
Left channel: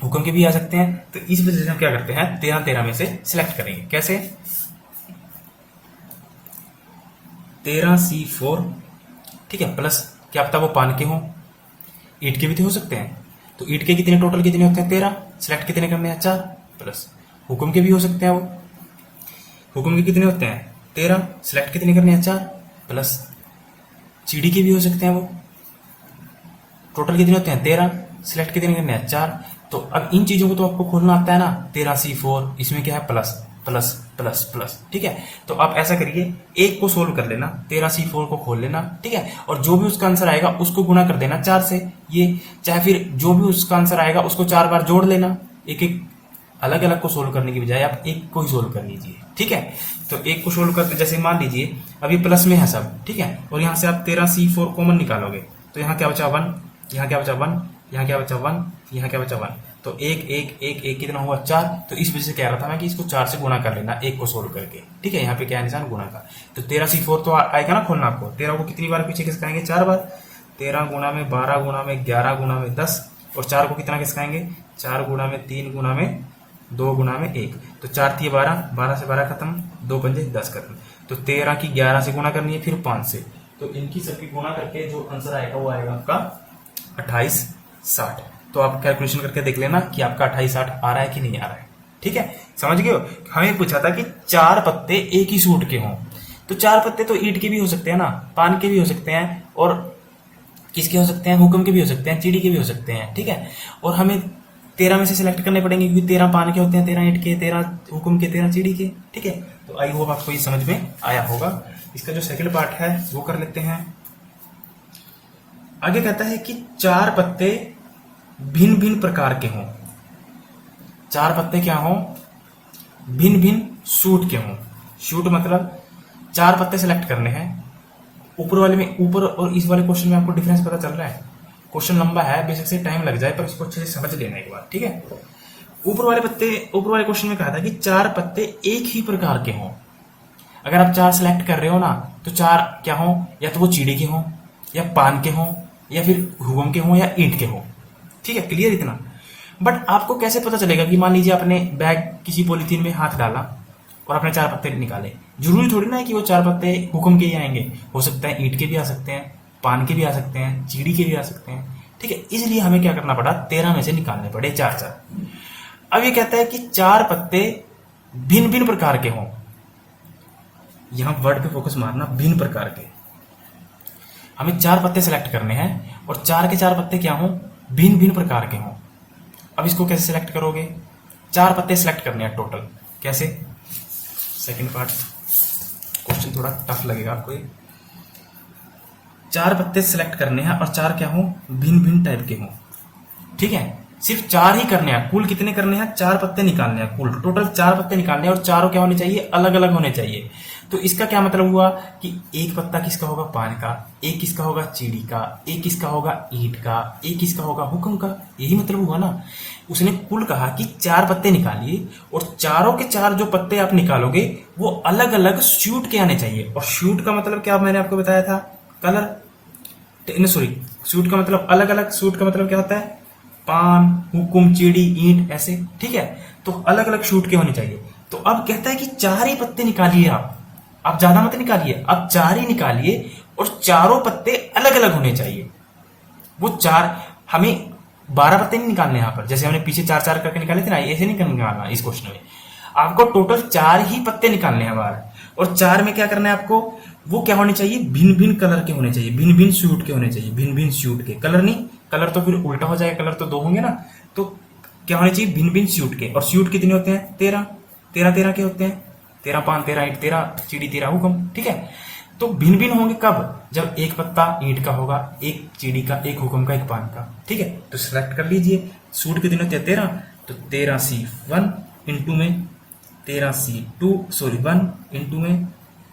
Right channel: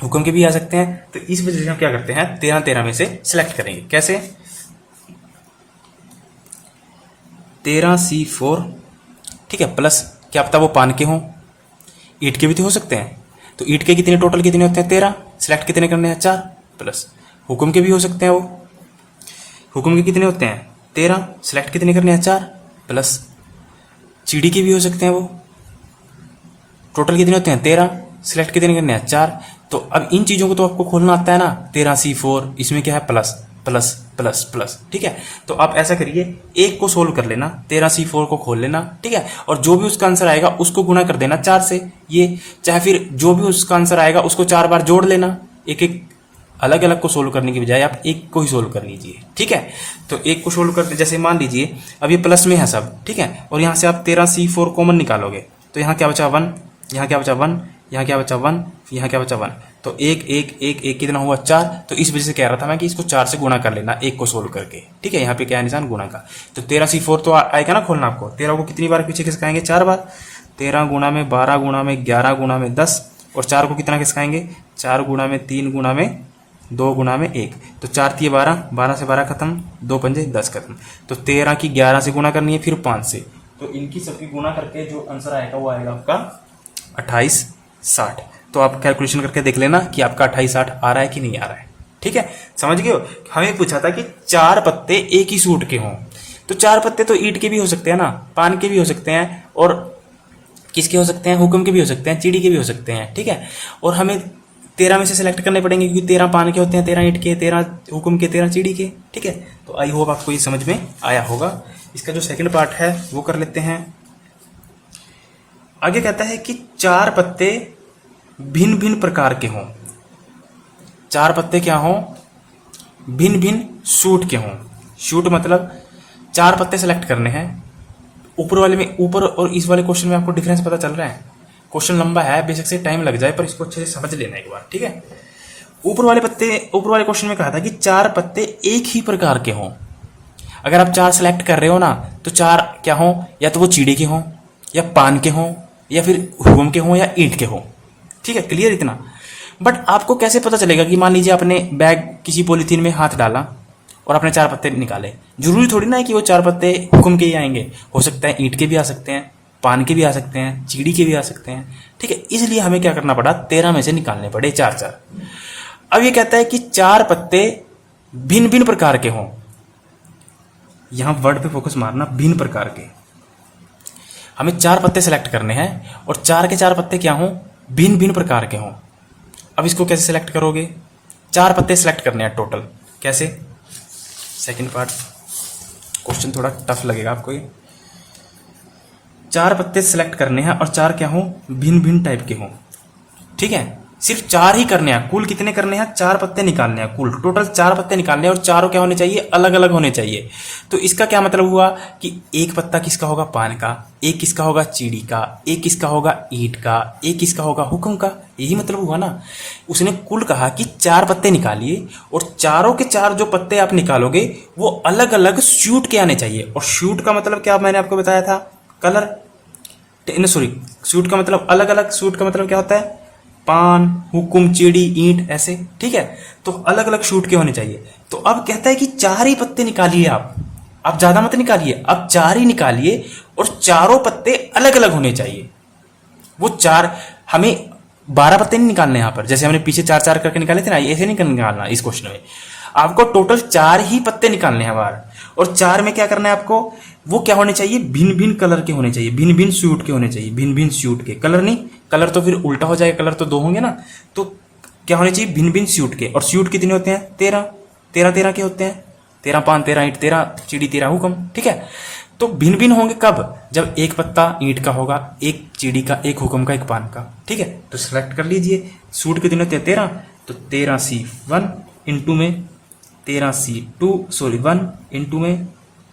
हुक्म के भी आ सकते हैं। तो इस वजह से हम क्या करते हैं, 13 13 में से सिलेक्ट करेंगे। कैसे? 13C4, ठीक है, प्लस क्या पता वो पान के हों, ईंट के भी तो हो सकते हैं। तो ईंट के कितने टोटल कितने होते हैं? 13। सिलेक्ट कितने करने हैं? 4। प्लस हुक्म के भी हो सकते हैं, वो हुक्म के कितने होते हैं? 13। सिलेक्ट कितने करने हैं? 4। प्लस चीड़ी के भी हो सकते हैं, वो टोटल कितने होते हैं? 13। सिलेक्ट कितने करने हैं? 4। तो अब इन चीजों को तो आपको खोलना आता है ना, 13C4, इसमें क्या है? प्लस प्लस प्लस प्लस, ठीक है। तो आप ऐसा करिए, एक को सोल्व कर लेना, 13C4 को खोल लेना, ठीक है, और जो भी उसका आंसर आएगा उसको गुणा कर देना 4 से, ये चाहे फिर जो भी उसका आंसर आएगा उसको 4 बार जोड़ लेना। एक एक अलग अलग को सोल्व करने की बजाय आप एक को ही सोल्व कर लीजिए, ठीक है। तो एक को सोल्व करके, जैसे मान लीजिए अब ये प्लस में है सब, ठीक है, और यहाँ से आप 13C4 कॉमन निकालोगे, तो यहाँ क्या बचा? 1, यहाँ क्या बचा? 1, यहाँ क्या बचा? 1, यहाँ क्या बचा? 1। तो एक एक एक एक कितना हुआ? 4। तो इस वजह से कह रहा था मैं कि इसको 4 से गुणा कर लेना, एक को सोल्व करके, ठीक है। यहाँ पे क्या है निशान? गुणा का। तो 13C4 तो आएगा ना खोलना आपको। 13 को कितनी बार पीछे खिसकाएंगे? 4 बार। 13 गुणा में 12 गुणा में 11 गुणा में 10, और 4 को कितना खिसकाएंगे? 4 गुणा में 3 गुणा में 2 गुणा में 1। तो 4 3 12, 12 से 12 खत्म, 2 पंजे 10 खत्म। तो 13 की 11 से गुणा करनी है, फिर 5 से। तो इनकी सबकी गुणा करके जो आंसर आएगा वो आएगा आपका 28 60। तो आप कैलकुलेशन करके देख लेना कि आपका 28 60 आ रहा है कि नहीं आ रहा है, ठीक है। समझ गए हो? हमें पूछा था कि 4 पत्ते एक ही सूट के हों, तो 4 पत्ते तो ईंट के भी हो सकते हैं ना, पान के भी हो सकते हैं, और किसके हो सकते हैं? हुक्म के भी हो सकते हैं, चीड़ी के भी हो सकते हैं, ठीक है। और हमें 13 में से सिलेक्ट करने पड़ेंगे, क्योंकि 13 पान के होते हैं, 13 ईंट के, 13 हुक्म के, 13 चीड़ी के, ठीक है। तो आई होप आपको ये समझ में आया होगा। इसका जो सेकंड पार्ट है वो कर लेते हैं। आगे कहता है कि 4 पत्ते भिन्न भिन्न प्रकार के हों। 4 पत्ते क्या हों? भिन्न भिन्न सूट के हों। सूट मतलब 4 पत्ते सेलेक्ट करने हैं। ऊपर वाले में, ऊपर और इस वाले क्वेश्चन में आपको डिफरेंस पता चल रहा है? क्वेश्चन लंबा है, बेशक से टाइम लग जाए, पर इसको अच्छे से समझ लेना एक बार, ठीक है। ऊपर वाले क्वेश्चन में कहा था कि 4 पत्ते एक ही प्रकार के हों। अगर आप 4 सेलेक्ट कर रहे हो ना, तो 4 क्या हों? या तो वो चीड़ी के हों, या पान के हों, या फिर हुक्म के हों, या ईंट के हों, ठीक है। क्लियर इतना? बट आपको कैसे पता चलेगा कि मान लीजिए आपने बैग किसी पॉलीथीन में हाथ डाला और आपने 4 पत्ते निकाले, जरूरी थोड़ी ना है कि वो 4 पत्ते हुक्म के ही आएंगे, हो सकता है ईंट के भी आ सकते हैं, पान के भी आ सकते हैं, चीड़ी के भी आ सकते हैं, ठीक है। इसलिए हमें क्या करना पड़ा? 13 में से निकालने पड़े 4 4। अब ये कहता है कि 4 पत्ते भिन्न भिन्न प्रकार के हों। यहां वर्ड पे फोकस मारना, भिन्न प्रकार के। हमें 4 पत्ते सेलेक्ट करने हैं, और 4 के 4 पत्ते क्या हों? भिन्न भिन्न प्रकार के हों। अब इसको कैसे सिलेक्ट करोगे? 4 पत्ते सिलेक्ट करने हैं टोटल। कैसे? सेकंड पार्ट, क्वेश्चन थोड़ा टफ लगेगा आपको ये। 4 पत्ते सिलेक्ट करने हैं, और 4 क्या हों? भिन्न भिन्न टाइप के हों, ठीक है। सिर्फ 4 ही करने हैं। कुल कितने करने हैं? 4 पत्ते निकालने हैं, कुल टोटल 4 पत्ते निकालने हैं, और चारों क्या होने चाहिए? अलग अलग होने चाहिए। तो इसका क्या मतलब हुआ कि एक पत्ता किसका होगा? पान का, एक किसका होगा? चीड़ी का, एक किसका होगा? ईंट का, एक किसका होगा? हुक्म का। यही मतलब हुआ ना। उसने कुल कहा कि 4 पत्ते निकालिए, और चारों के 4 जो पत्ते आप निकालोगे वो अलग अलग सूट के आने चाहिए। और सूट का मतलब क्या मैंने आपको बताया था? कलर, सॉरी, सूट का मतलब अलग अलग। सूट का मतलब क्या होता है? पान, हुक्म, चीड़ी, ईंट, ऐसे, ठीक है। तो अलग अलग सूट के होने चाहिए। तो अब कहता है कि 4 ही पत्ते निकालिए आप ज्यादा मत निकालिए, आप 4 ही निकालिए, और चारों पत्ते अलग अलग होने चाहिए। वो 4, हमें 12 पत्ते नहीं निकालने यहां पर, जैसे हमने पीछे 4 4 करके निकाले थे ना, ऐसे नहीं निकालना। इस क्वेश्चन में आपको टोटल 4 ही पत्ते निकालने हैं बार, और 4 में क्या करना है आपको, वो क्या होने चाहिए, भिन्न भिन्न कलर के होने चाहिए, भिन्न भिन्न सूट के होने चाहिए, भिन्न भिन्न सूट के, कलर नहीं, कलर तो फिर उल्टा हो जाएगा, कलर तो 2 होंगे ना, तो क्या होने चाहिए, भिन्न भिन्न सूट के। और सूट कितने होते हैं, 13 13 13 के होते हैं, 13 5 13 ईंट 13 चिड़ी 13 हुक्म, ठीक है। तो भिन्न भिन्न होंगे कब, जब एक पत्ता ईंट का होगा, एक चिड़ी का, एक हुक्म का, एक पान का, ठीक है। तो सिलेक्ट कर लीजिए, सूट कितने होते हैं 13, तो 13C1 इंटू में 13C2 सॉरी 1 इंटू में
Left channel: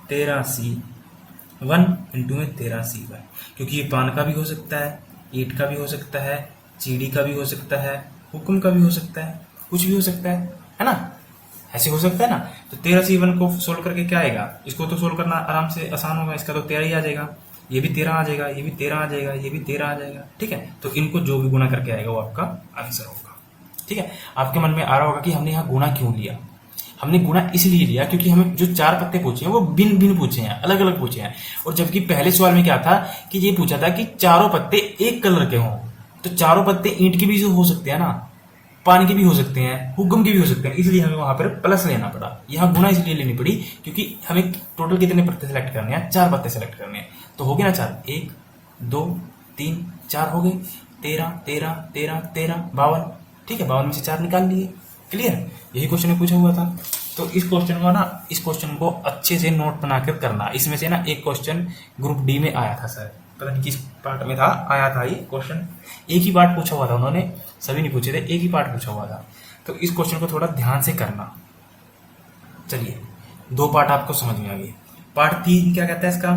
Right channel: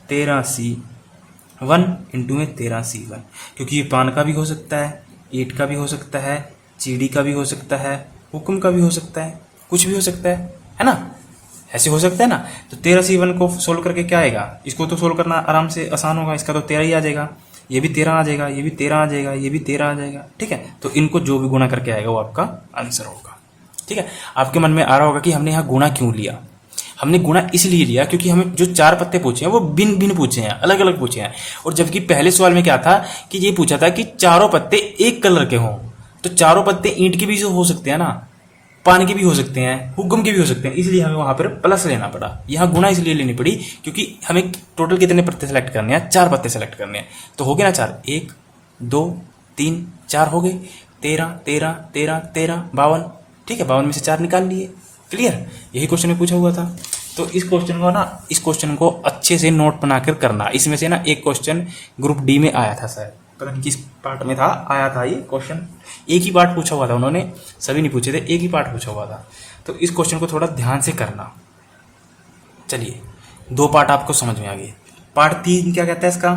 13C1 इंटू में 13C1, क्योंकि ये पान का भी हो सकता है, ईंट का भी हो सकता है, चिड़ी का भी हो सकता है, हुक्म का भी हो सकता है, कुछ भी हो सकता है ना, ऐसे हो सकता है ना। तो 13C1 को सोल्व करके क्या आएगा, इसको तो सोल्व करना आराम से आसान होगा, इसका तो 13 ही आ जाएगा, ये भी 13 आ जाएगा, ये भी 13 आ जाएगा, ये भी 13 आ जाएगा, ठीक है। तो इनको जो भी गुणा करके आएगा वो आपका आंसर होगा, ठीक है। आपके मन में आ रहा होगा कि हमने यहाँ गुणा क्यों लिया, हमने गुणा इसलिए लिया क्योंकि हमें जो 4 पत्ते पूछे हैं वो भिन्न भिन्न पूछे हैं, अलग अलग पूछे हैं। और जबकि पहले सवाल में क्या था कि ये पूछा था कि चारों पत्ते एक कलर के हों, तो चारों पत्ते ईंट के भी हो सकते हैं ना, पान के भी हो सकते हैं, हुक्म के भी हो सकते हैं, इसलिए हमें वहां पर प्लस लेना पड़ा। यहाँ गुणा इसलिए लेनी पड़ी क्योंकि हमें टोटल कितने पत्ते सेलेक्ट करने हैं, 4 पत्ते सेलेक्ट करने हैं। तो हो गए ना 4, 1 2 3 4 हो गए, 13 13 13 13 52, ठीक है। 52 में से 4 निकाल लिए, क्लियर। यही क्वेश्चन में पूछा हुआ था। तो इस क्वेश्चन को अच्छे से नोट बनाकर करना। इसमें से ना एक क्वेश्चन ग्रुप डी में आया था सर, पता नहीं किस पार्ट में था, आया था ये क्वेश्चन, एक ही पार्ट पूछा हुआ था, उन्होंने सभी नहीं पूछे थे, एक ही पार्ट पूछा हुआ था। तो इस क्वेश्चन को थोड़ा ध्यान से करना। चलिए 2 पार्ट आपको समझ में आ गए। पार्ट 3 क्या कहता है इसका,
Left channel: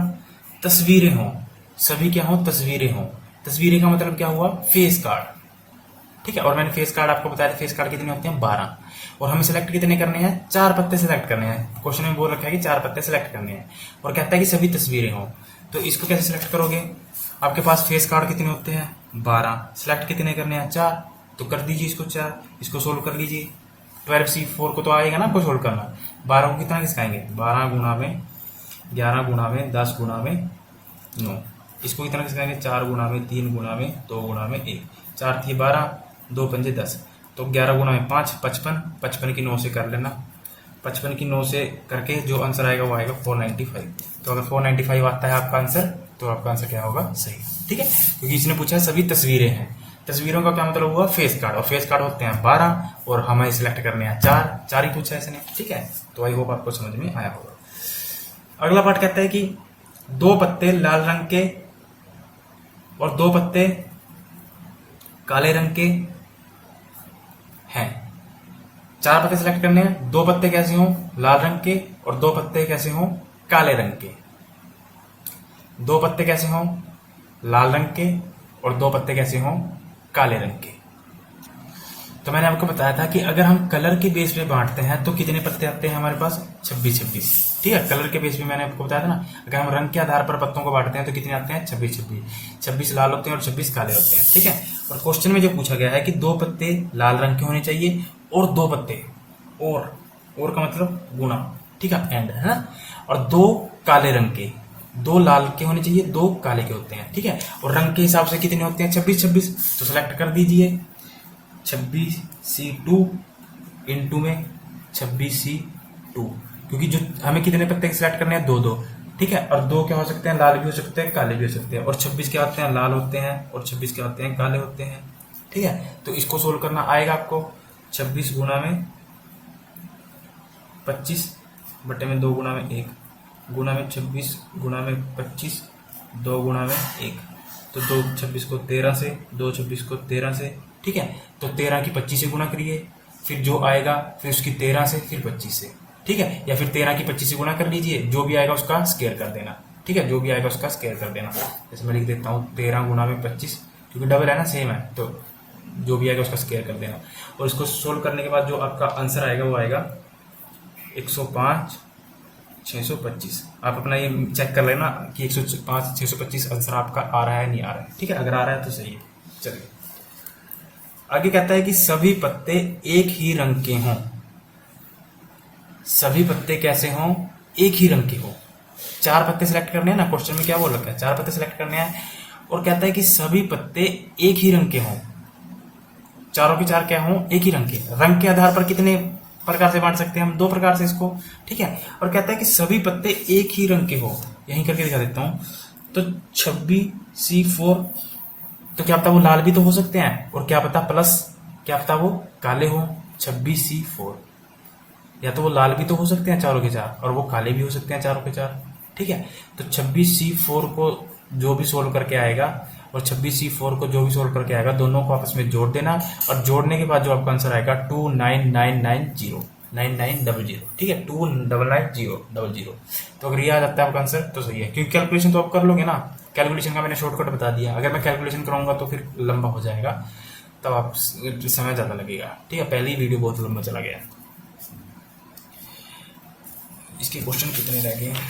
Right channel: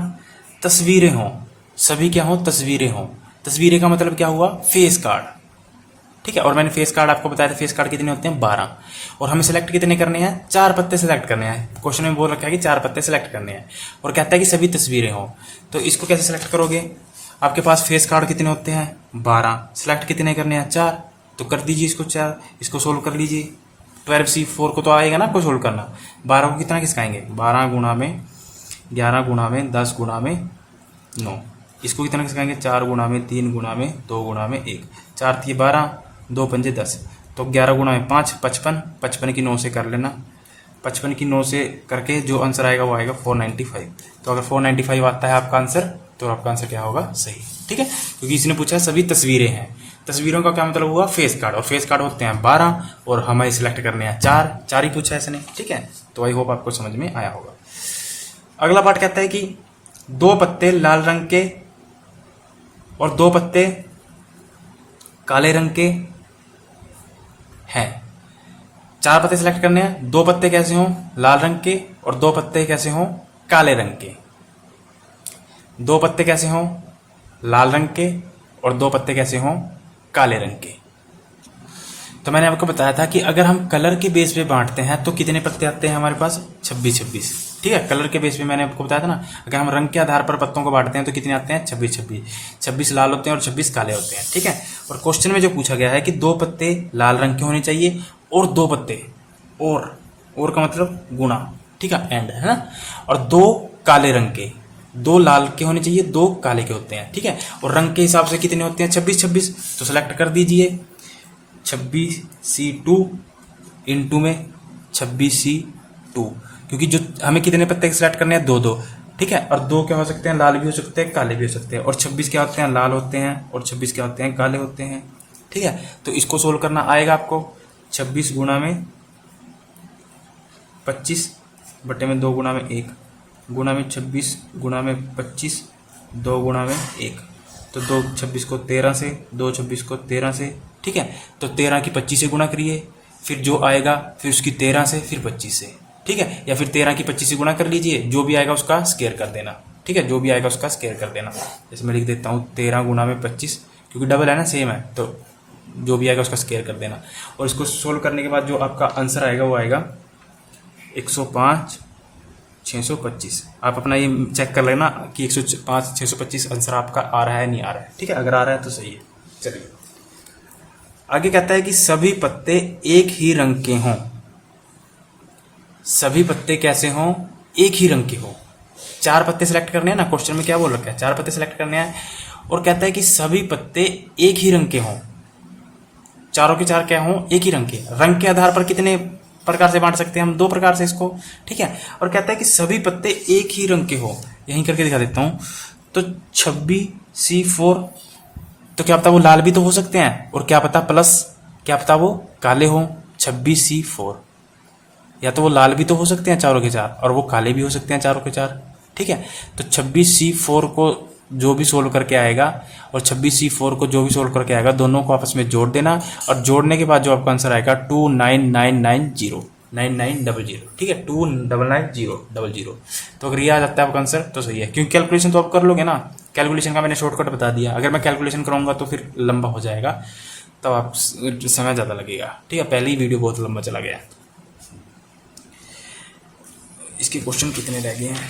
तस्वीरें हों, सभी क्या हों, तस्वीरें हों। तस्वीरें का मतलब क्या हुआ, फेस कार्ड, ठीक है। और मैंने फेस कार्ड आपको बताया था, फेस कार्ड कितने होते हैं 12, और हमें सिलेक्ट कितने करने हैं, 4 पत्ते सिलेक्ट करने हैं। क्वेश्चन में बोल रखा है कि 4 पत्ते सिलेक्ट करने हैं, और कहता है कि सभी तस्वीरें हों। तो इसको कैसे सिलेक्ट करोगे, आपके पास फेस कार्ड कितने होते हैं 12, सिलेक्ट कितने करने हैं 4, तो कर दीजिए इसको 4, इसको सोल्व कर लीजिए। 12C4 को तो आएगा ना आपको सोल्व करना, 12 को कितना खिसकाएंगे, 12 गुणा में 11 गुणा में 10 गुणा में 9, इसको कितना खिसकाएंगे, 4 गुणा में 3 गुणा में 2 गुणा में 1, 4 थी 12, 2 पंजे 10, तो 11 गुणा में 5 55, 55 की 9 से कर लेना, 55 की 9 से करके जो आंसर आएगा वो आएगा 495। तो अगर 495 आता है आपका आंसर, तो आपका आंसर क्या होगा, सही, ठीक है। क्योंकि इसने पूछा है सभी तस्वीरें हैं, तस्वीरों का क्या मतलब हुआ, फेस कार्ड, और फेस कार्ड होते हैं 12, और हमें सिलेक्ट करने हैं 4 ही पूछा है इसने, ठीक है। तो आई होप आपको समझ में आया होगा। अगला पार्ट कहता है कि 2 पत्ते लाल रंग के और 2 पत्ते काले रंग के हैं। 4 पत्ते सिलेक्ट करने हैं, 2 पत्ते कैसे हों, लाल रंग के, और 2 पत्ते कैसे हों, काले रंग के। 2 पत्ते कैसे हों, लाल रंग के, और 2 पत्ते कैसे हों, काले रंग के। तो मैंने आपको बताया था कि अगर हम कलर के बेस पे बांटते हैं तो कितने पत्ते आते हैं हमारे पास, 26 26, ठीक है। कलर के बेस पे मैंने आपको बताया था ना, अगर हम रंग के आधार पर पत्तों को बांटते हैं तो कितने आते हैं, 26 26, 26 लाल होते हैं और 26 काले होते हैं, ठीक है। और क्वेश्चन में जो पूछा गया है कि 2 पत्ते लाल रंग के होने चाहिए और 2 पत्ते, और का मतलब गुणा, ठीक है, एंड है ना, और 2 काले रंग के, 2 लाल के होने चाहिए, 2 काले के होते हैं, ठीक है। और रंग के हिसाब से कितने होते हैं, 26 26, तो सिलेक्ट कर दीजिए 26C2 इंटू में 26C2, क्योंकि जो हमें कितने पत्ते सिलेक्ट करने हैं, 2 2, ठीक है। और 2 क्या हो सकते हैं, लाल भी हो सकते हैं, काले भी हो सकते हैं, और 26 क्या होते हैं, लाल होते हैं, और 26 क्या होते हैं, काले होते हैं, ठीक है। तो इसको सोल्व करना आएगा आपको, 26 गुणा में 25 बटे में 2 गुणा में 1 गुणा में 26 गुणा में 25 2 गुणा में 1, तो 2 26 को 13 से, 2 26 को 13 से, ठीक है। तो 13 की 25 से गुणा करिए, फिर जो आएगा फिर उसकी 13 से, फिर 25 से, ठीक है। या फिर 13 की 25 से गुणा कर लीजिए, जो भी आएगा उसका स्केयर कर देना, ठीक है, जो भी आएगा उसका स्केयर कर देना। जैसे मैं लिख देता हूँ 13 गुणा में 25, क्योंकि डबल है ना, सेम है, तो जो भी आएगा उसका स्केयर कर देना। और इसको सोल्व करने के बाद जो आपका आंसर आएगा वो आएगा 105 625। आप अपना ये चेक कर लेना कि 105 625 आंसर आपका आ रहा है नहीं आ रहा है, ठीक है। अगर आ रहा है तो सही है। चलिए आगे कहता है कि सभी पत्ते एक ही रंग के हों, सभी पत्ते कैसे हों, एक ही रंग के हों। 4 पत्ते सिलेक्ट करने हैं ना, क्वेश्चन में क्या बोल रखा है, 4 पत्ते सिलेक्ट करने हैं, और कहता है कि सभी पत्ते एक ही रंग के हों, चारों के 4 क्या हों, एक ही रंग के। रंग के आधार पर कितने प्रकार से बांट सकते हैं हम, 2 प्रकार से इसको, ठीक है। और कहता है कि सभी पत्ते एक ही रंग के हो, यहीं करके दिखा देता हूं। तो 26C4, तो क्या पता वो लाल भी तो हो सकते हैं, और क्या पता प्लस क्या पता वो काले हो। 26C4, या तो वो लाल भी तो हो सकते हैं चारों के चार, और वो काले भी हो सकते हैं चारों के चार, ठीक है। तो 26C4 को जो भी सोल्व करके आएगा और 26C4 को जो भी सोल्व करके आएगा, दोनों को आपस में जोड़ देना, और जोड़ने के बाद जो आपका आंसर आएगा 29990, ठीक है, 2999000। तो अगर ये आ जाता है आपका आंसर तो सही है, क्योंकि कैलकुलेशन तो आप कर लोगे ना, कैलकुलेशन का मैंने शॉर्टकट बता दिया। अगर मैं कैलकुलेशन कराऊंगा तो फिर लंबा हो जाएगा, तो आप समय ज़्यादा लगेगा, ठीक है। पहले ही वीडियो बहुत लंबा चला गया। इसके क्वेश्चन कितने रह गए हैं,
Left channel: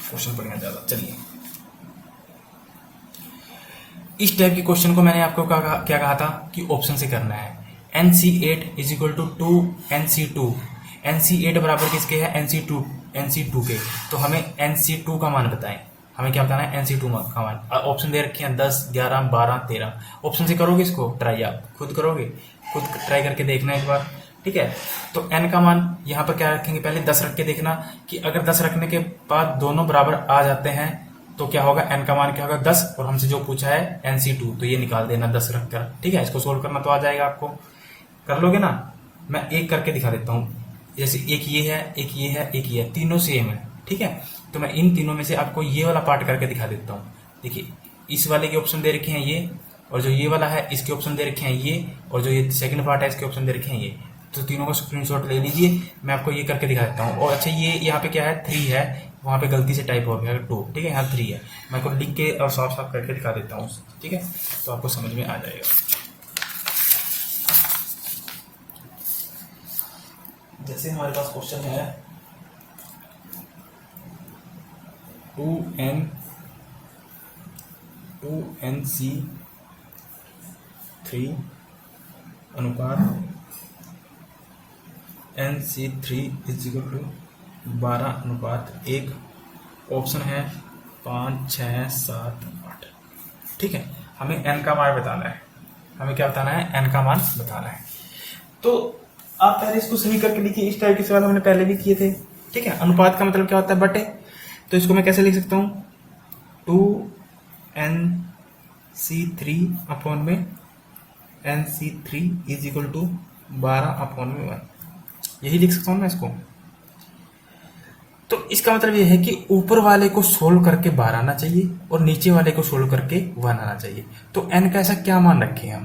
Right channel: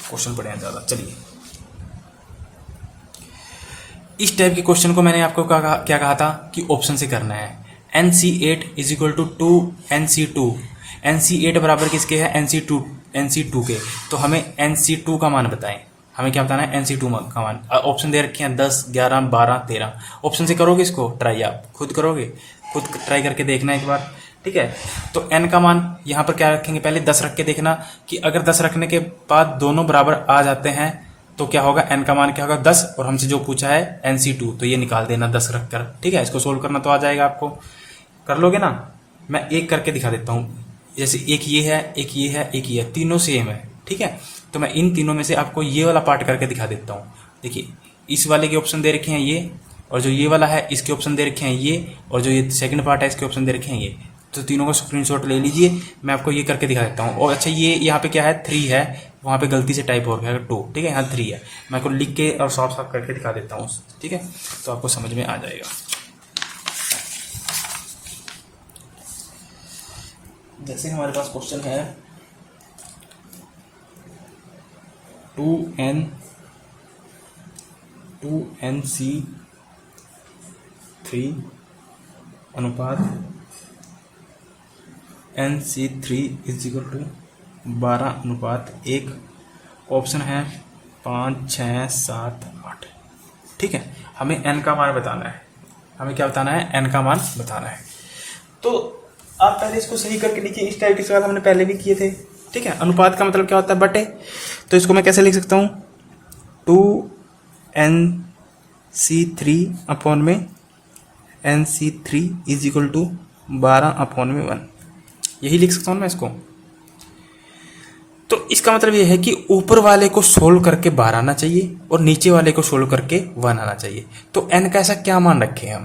क्वेश्चन पड़े हैं ज़्यादा। चलिए, इस टाइप के क्वेश्चन को मैंने आपको क्या कहा था कि ऑप्शन से करना है। NC8 is equal to 2NC2, NC8 बराबर किसके है, NC2 के। तो हमें NC2 का मान बताएं, हमें क्या बताना है, NC2 का मान। ऑप्शन दे रखे हैं 10, 11, 12, 13। ऑप्शन से करोगे इसको ट्राई, आप खुद करोगे, खुद ट्राई करके देखना एक बार, ठीक है। तो n का मान यहाँ पर क्या रखेंगे, पहले 10 रख के देखना कि अगर 10 रखने के बाद दोनों बराबर आ जाते हैं तो क्या होगा, n का मान क्या होगा 10, और हमसे जो पूछा है NC2, तो ये निकाल देना 10 रखकर, ठीक है। इसको सोल्व करना तो आ जाएगा आपको, कर लोगे ना। मैं एक करके दिखा देता हूँ, जैसे एक ये है, एक ये है, एक ये है, तीनों सेम है, ठीक है। तो मैं इन तीनों में से आपको ये वाला पार्ट करके दिखा देता हूँ। देखिए, इस वाले के ऑप्शन दे रखे हैं ये, और जो ये वाला है इसके ऑप्शन दे रखे हैं ये, और जो ये सेकंड पार्ट है इसके ऑप्शन दे रखे हैं ये। तो तीनों का स्क्रीनशॉट ले लीजिए, मैं आपको ये करके दिखा देता हूँ। और अच्छा, ये यहाँ पे क्या है, 3 है, वहाँ पे गलती से टाइप हो गया 2, ठीक है, यहाँ 3 है। मैं आपको लिख के और साफ साफ करके दिखा देता हूँ, ठीक है, तो आपको समझ में आ जाएगा। जैसे हमारे पास क्वेश्चन है 2NC3 अनुपात NC3 is equal to 12:1। Option है 5, 6, 7, 8, ठीक है। हमें n का मान बताना है, हमें क्या बताना है, n का मान बताना है। तो आप पहले इसको सही करके लिखिए, इस टाइप के सवाल हमने पहले भी किए थे, ठीक है। अनुपात का मतलब क्या होता है, बटे। तो इसको मैं कैसे लिख सकता हूँ, 2NC3 अपॉन में NC3 इज इक्वल टू 12/1, यही लिख सकता हूँ मैं इसको। तो इसका मतलब ये है कि ऊपर वाले को सोल्व करके 12 आना चाहिए और नीचे वाले को सोल्व करके 1 आना चाहिए। तो n का ऐसा क्या मान रखें हम,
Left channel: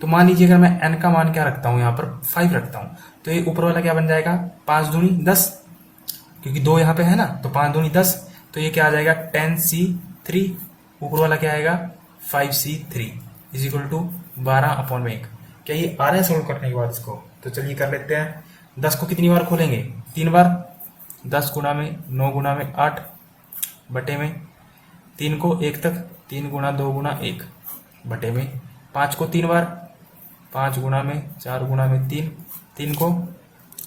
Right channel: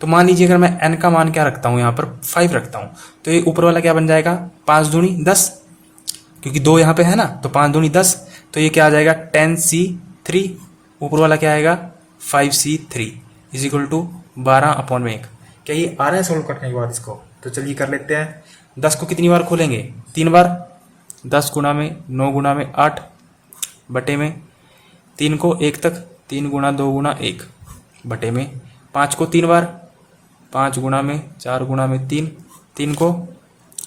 तो मान लीजिए अगर मैं n का मान क्या रखता हूँ, यहाँ पर 5 रखता हूँ, तो ये ऊपर वाला क्या बन जाएगा, 5 दूनी 10, क्योंकि 2 यहाँ पे है ना, तो 5 दूनी 10, तो ये क्या आ जाएगा 10C3। ऊपर वाला क्या आएगा 5C3 इज इक्वल टू 12/1। क्या ये आ रहा है सोल्व करने के बाद इसको, तो चलिए कर लेते हैं। 10 को कितनी बार खोलेंगे, 3 बार, 10 गुणा में 9 गुणा में 8 बटे में 3 को 1 तक, 3 गुणा 2 गुणा 1 बटे में 5 को 3 बार, 5 गुणा में 4 गुणा में 3, 3 को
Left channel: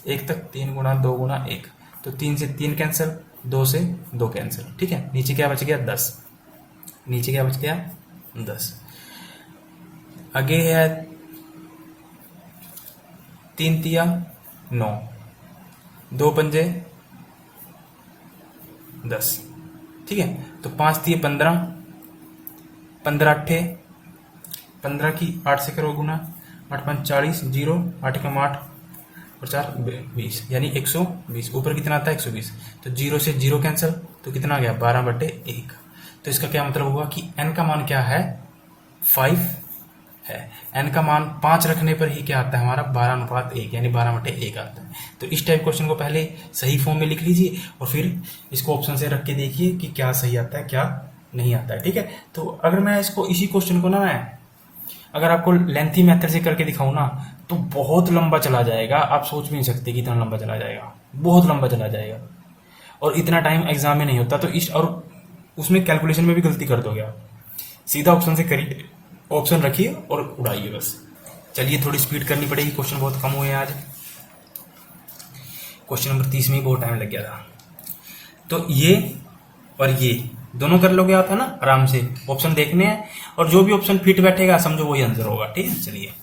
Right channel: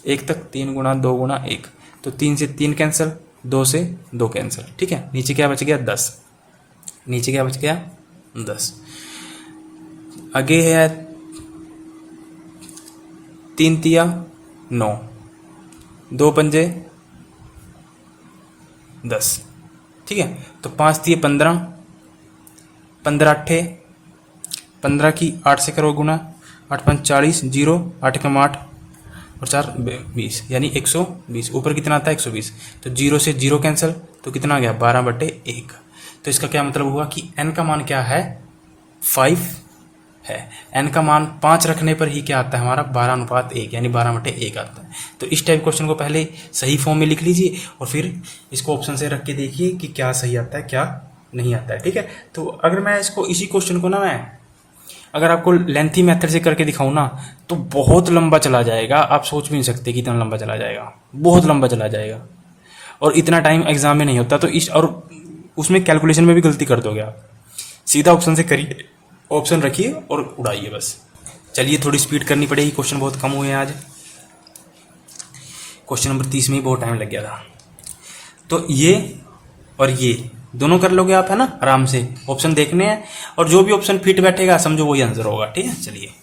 1 तक, 3 गुणा 2 गुणा 1, तो 3 से 3 कैंसिल, 2 से 2 कैंसिल, ठीक है। नीचे क्या बच गया 10, नीचे क्या बच गया 10। आगे है 3 तिया 9, 2 पंजे 10, ठीक है। तो 5 तिये 15, 15 अट्ठे 15 की 8 से करो गुना, 8 5 40, 0 8 कम 8 और 4 20, यानी 120। ऊपर कितना आता है 120, तो 0 से 0 कैंसिल, तो कितना आ गया 12/1। तो इसका क्या मतलब हुआ कि n का मान क्या है 5 है। n का मान 5 रखने पर ही क्या आता है हमारा 12:1, यानी 12/1 आता है। तो इस टाइप क्वेश्चन को पहले सही फॉर्म में लिख लीजिए और फिर इसको ऑप्शन से रख के देखिए कि क्या सही आता है क्या नहीं आता है, ठीक है। तो अगर मैं इसको इसी क्वेश्चन को ना मैं अगर आपको लेंथी मेथड से करके दिखाऊं ना तो बहुत लंबा चला जाएगा, आप सोच भी नहीं सकते कि इतना लंबा चला जाएगा, बहुत लंबा चला जाएगा, और इतना टाइम एग्जाम में नहीं होता। तो इस और उसमें कैलकुलेशन में भी गलती कर दोगे आप। सीधा ऑप्शन से करिए, ऑप्शन रखिए और उड़ाइए बस। चलिए थोड़ी स्पीड करनी पड़ेगी, क्वेश्चन बहुत कम हुए हैं आज। क्वेश्चन नंबर 30 में ही बहुत टाइम लग गया था। तो ये और ये दोनों कर लोगे आप, है ना, आराम से। ऑप्शन देखने हैं और जो भी ऑप्शन फिट बैठेगा समझो वही आंसर होगा, ठीक है। चलिए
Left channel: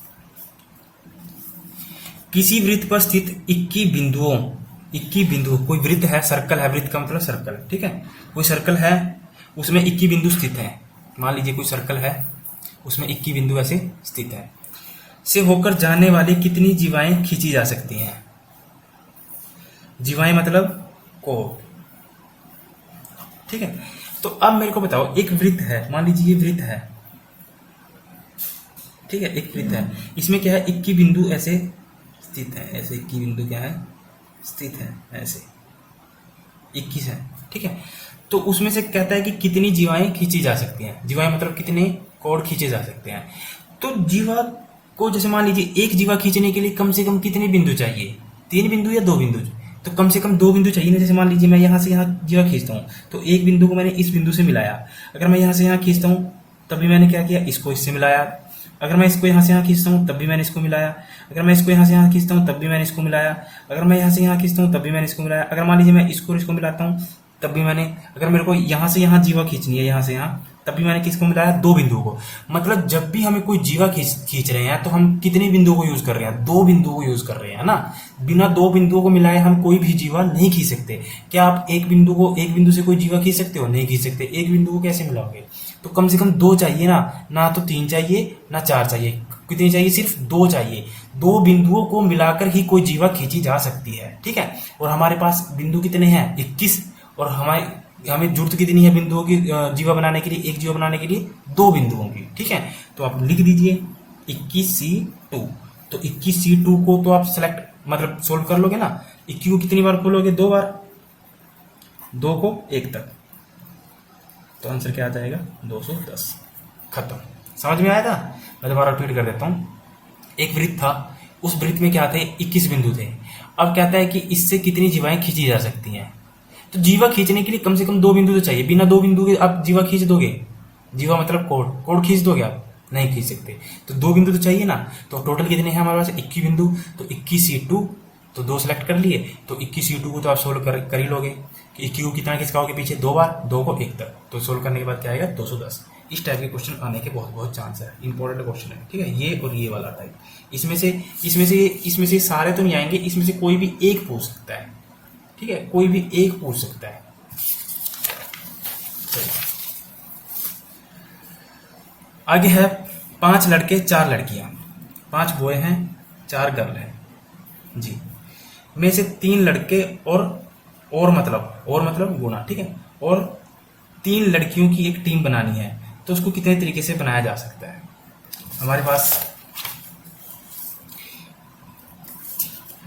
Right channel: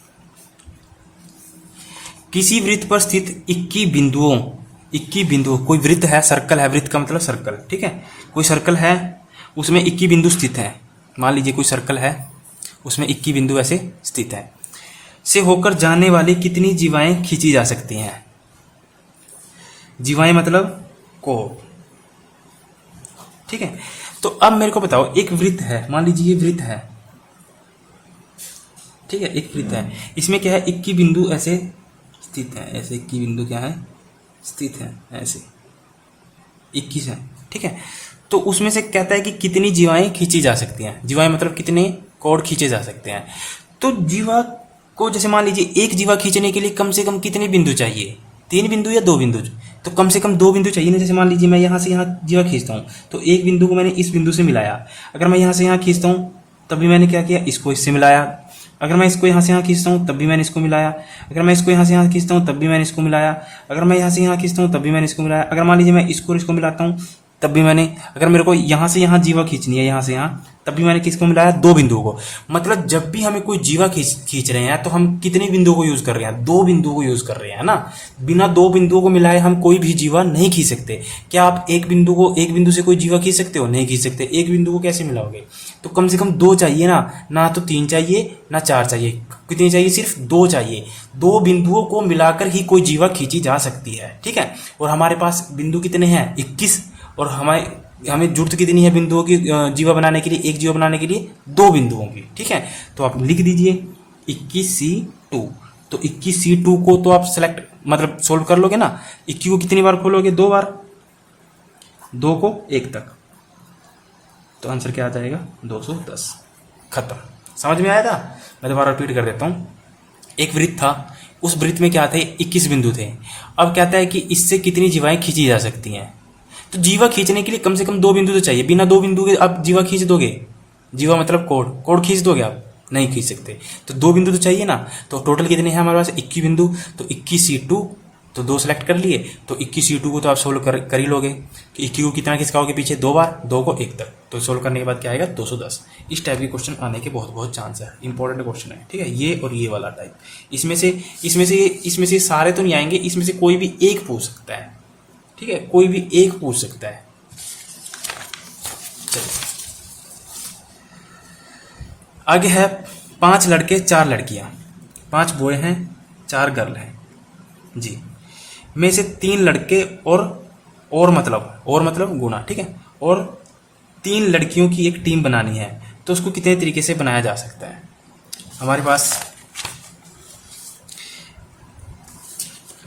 किसी वृत्त पर स्थित 21 बिंदुओं, कोई वृत्त है, सर्कल है, वृत्त का मतलब सर्कल, ठीक है, कोई सर्कल है उसमें 21 बिंदु स्थित है, मान लीजिए कोई सर्कल है उसमें 21 बिंदु ऐसे स्थित है, से होकर जाने वाली कितनी जीवाएं खींची जा सकती हैं। जीवाएं मतलब कोण, ठीक है। तो अब मेरे को बताओ, एक वृत्त है, मान लीजिए ये वृत्त है, ठीक है, एक वृत्त है, इसमें क्या है 21 बिंदु ऐसे स्थित है, ऐसे 21 बिंदु क्या है स्थित है, ऐसे 21 है, ठीक है। तो उसमें से कहता है कि कितनी जीवाएं खींची जा सकती हैं। जीवाएं मतलब कितने कोण खींचे जा सकते हैं। तो जीवा को जैसे मान लीजिए एक जीवा खींचने के लिए कम से कम कितने बिंदु चाहिए, 3 बिंदु या 2 बिंदु, तो कम से कम 2 बिंदु चाहिए ना। जैसे मान लीजिए मैं यहाँ से यहाँ जीवा खींचता हूँ तो एक बिंदु को मैंने इस बिंदु से मिलाया, अगर मैं यहाँ से यहाँ खींचता हूँ तब भी मैंने क्या किया, इसको इससे मिलाया, अगर मैं इसको यहाँ से यहाँ खींचता हूँ तब भी मैंने इसको मिलाया, अगर मैं इसको यहाँ से यहाँ खींचता हूँ तब भी मैंने इसको मिलाया, अगर मैं यहाँ से यहाँ खींचता हूँ तब भी मैंने इसको मिलाया, अगर मान लीजिए मैं इसको इसको मिलाता हूँ तब भी मैंने, अगर मेरे को यहाँ से यहाँ जीवा खींचनी है यहाँ से यहाँ, तब भी मैंने किसको मिलाया, 2 बिंदुओं को। मतलब जब भी हमें कोई जीवा खींच रहे हैं तो हम कितने बिंदुओं को यूज कर रहे हैं, 2 बिंदुओं को यूज कर रहे हैं ना। बिना 2 बिंदुओं को मिलाए हम कोई भी जीवा नहीं खींच सकते। क्या आप एक बिंदु से कोई जीवा खींच सकते हो, नहीं खींच सकते। एक बिंदु को कैसे मिलाओगे, तो कम से कम 2 चाहिए ना तो 3 चाहिए ना 4 चाहिए, कितनी चाहिए, सिर्फ 2 चाहिए। 2 बिंदुओं को मिलाकर ही कोई जीवा खींची जा सकती है, ठीक है। और हमारे पास बिंदु कितने हैं, 21, और हमें जरूरत कितनी है बिंदुओं की, जीवा बनाने के लिए, एक जीवा बनाने के लिए 2 बिंदुओं की, ठीक है। तो आप लिख दीजिए 21C2। तो 21C2 को तो आप सेलेक्ट मतलब सोल्व कर लोगे ना। 21 को कितनी बार खोलोगे, 2 बार, 2 को 1 तक, तो आंसर क्या आ जाएगा, 210। खत्म। समझ में आया था। मैं दोबारा रिपीट कर देता हूं। एक वृत्त था, उस वृत्त में क्या थे, 21 बिंदु थे। अब कहता है कि इससे कितनी जीवाएं खींची जा सकती हैं। तो जीवा खींचने के लिए कम से कम 2 बिंदु तो चाहिए। बिना 2 बिंदु के आप जीवा खींच दोगे, जीवा मतलब कोण खींच दोगे आप, नहीं खींच सकते। तो 2 बिंदु तो चाहिए ना। तो टोटल कितने हैं हमारे पास, 21 बिंदु। तो 21C2, तो 2 सेलेक्ट कर लिए। तो 21C2 को तो आप सोल्व कर ही लोगे कि 21 को कितना खिसकाओगे पीछे, 2 बार, 2 को 1 तक। तो सोल्व करने के बाद क्या आएगा, 210। इस टाइप के क्वेश्चन आने के बहुत चांस है। इंपॉर्टेंट क्वेश्चन है, ठीक है। ये और ये वाला टाइप, इसमें से सारे तो नहीं आएंगे, इसमें से कोई भी एक पूछ सकता है, ठीक है, कोई भी एक पूछ सकता है। चलिए आगे है 5 लड़के 4 लड़कियां, 5 बॉय हैं 4 गर्ल हैं जी, में से 3 लड़के और मतलब गुना, ठीक है, और 3 लड़कियों की एक टीम बनानी है। तो उसको कितने तरीके से बनाया जा सकता है। हमारे पास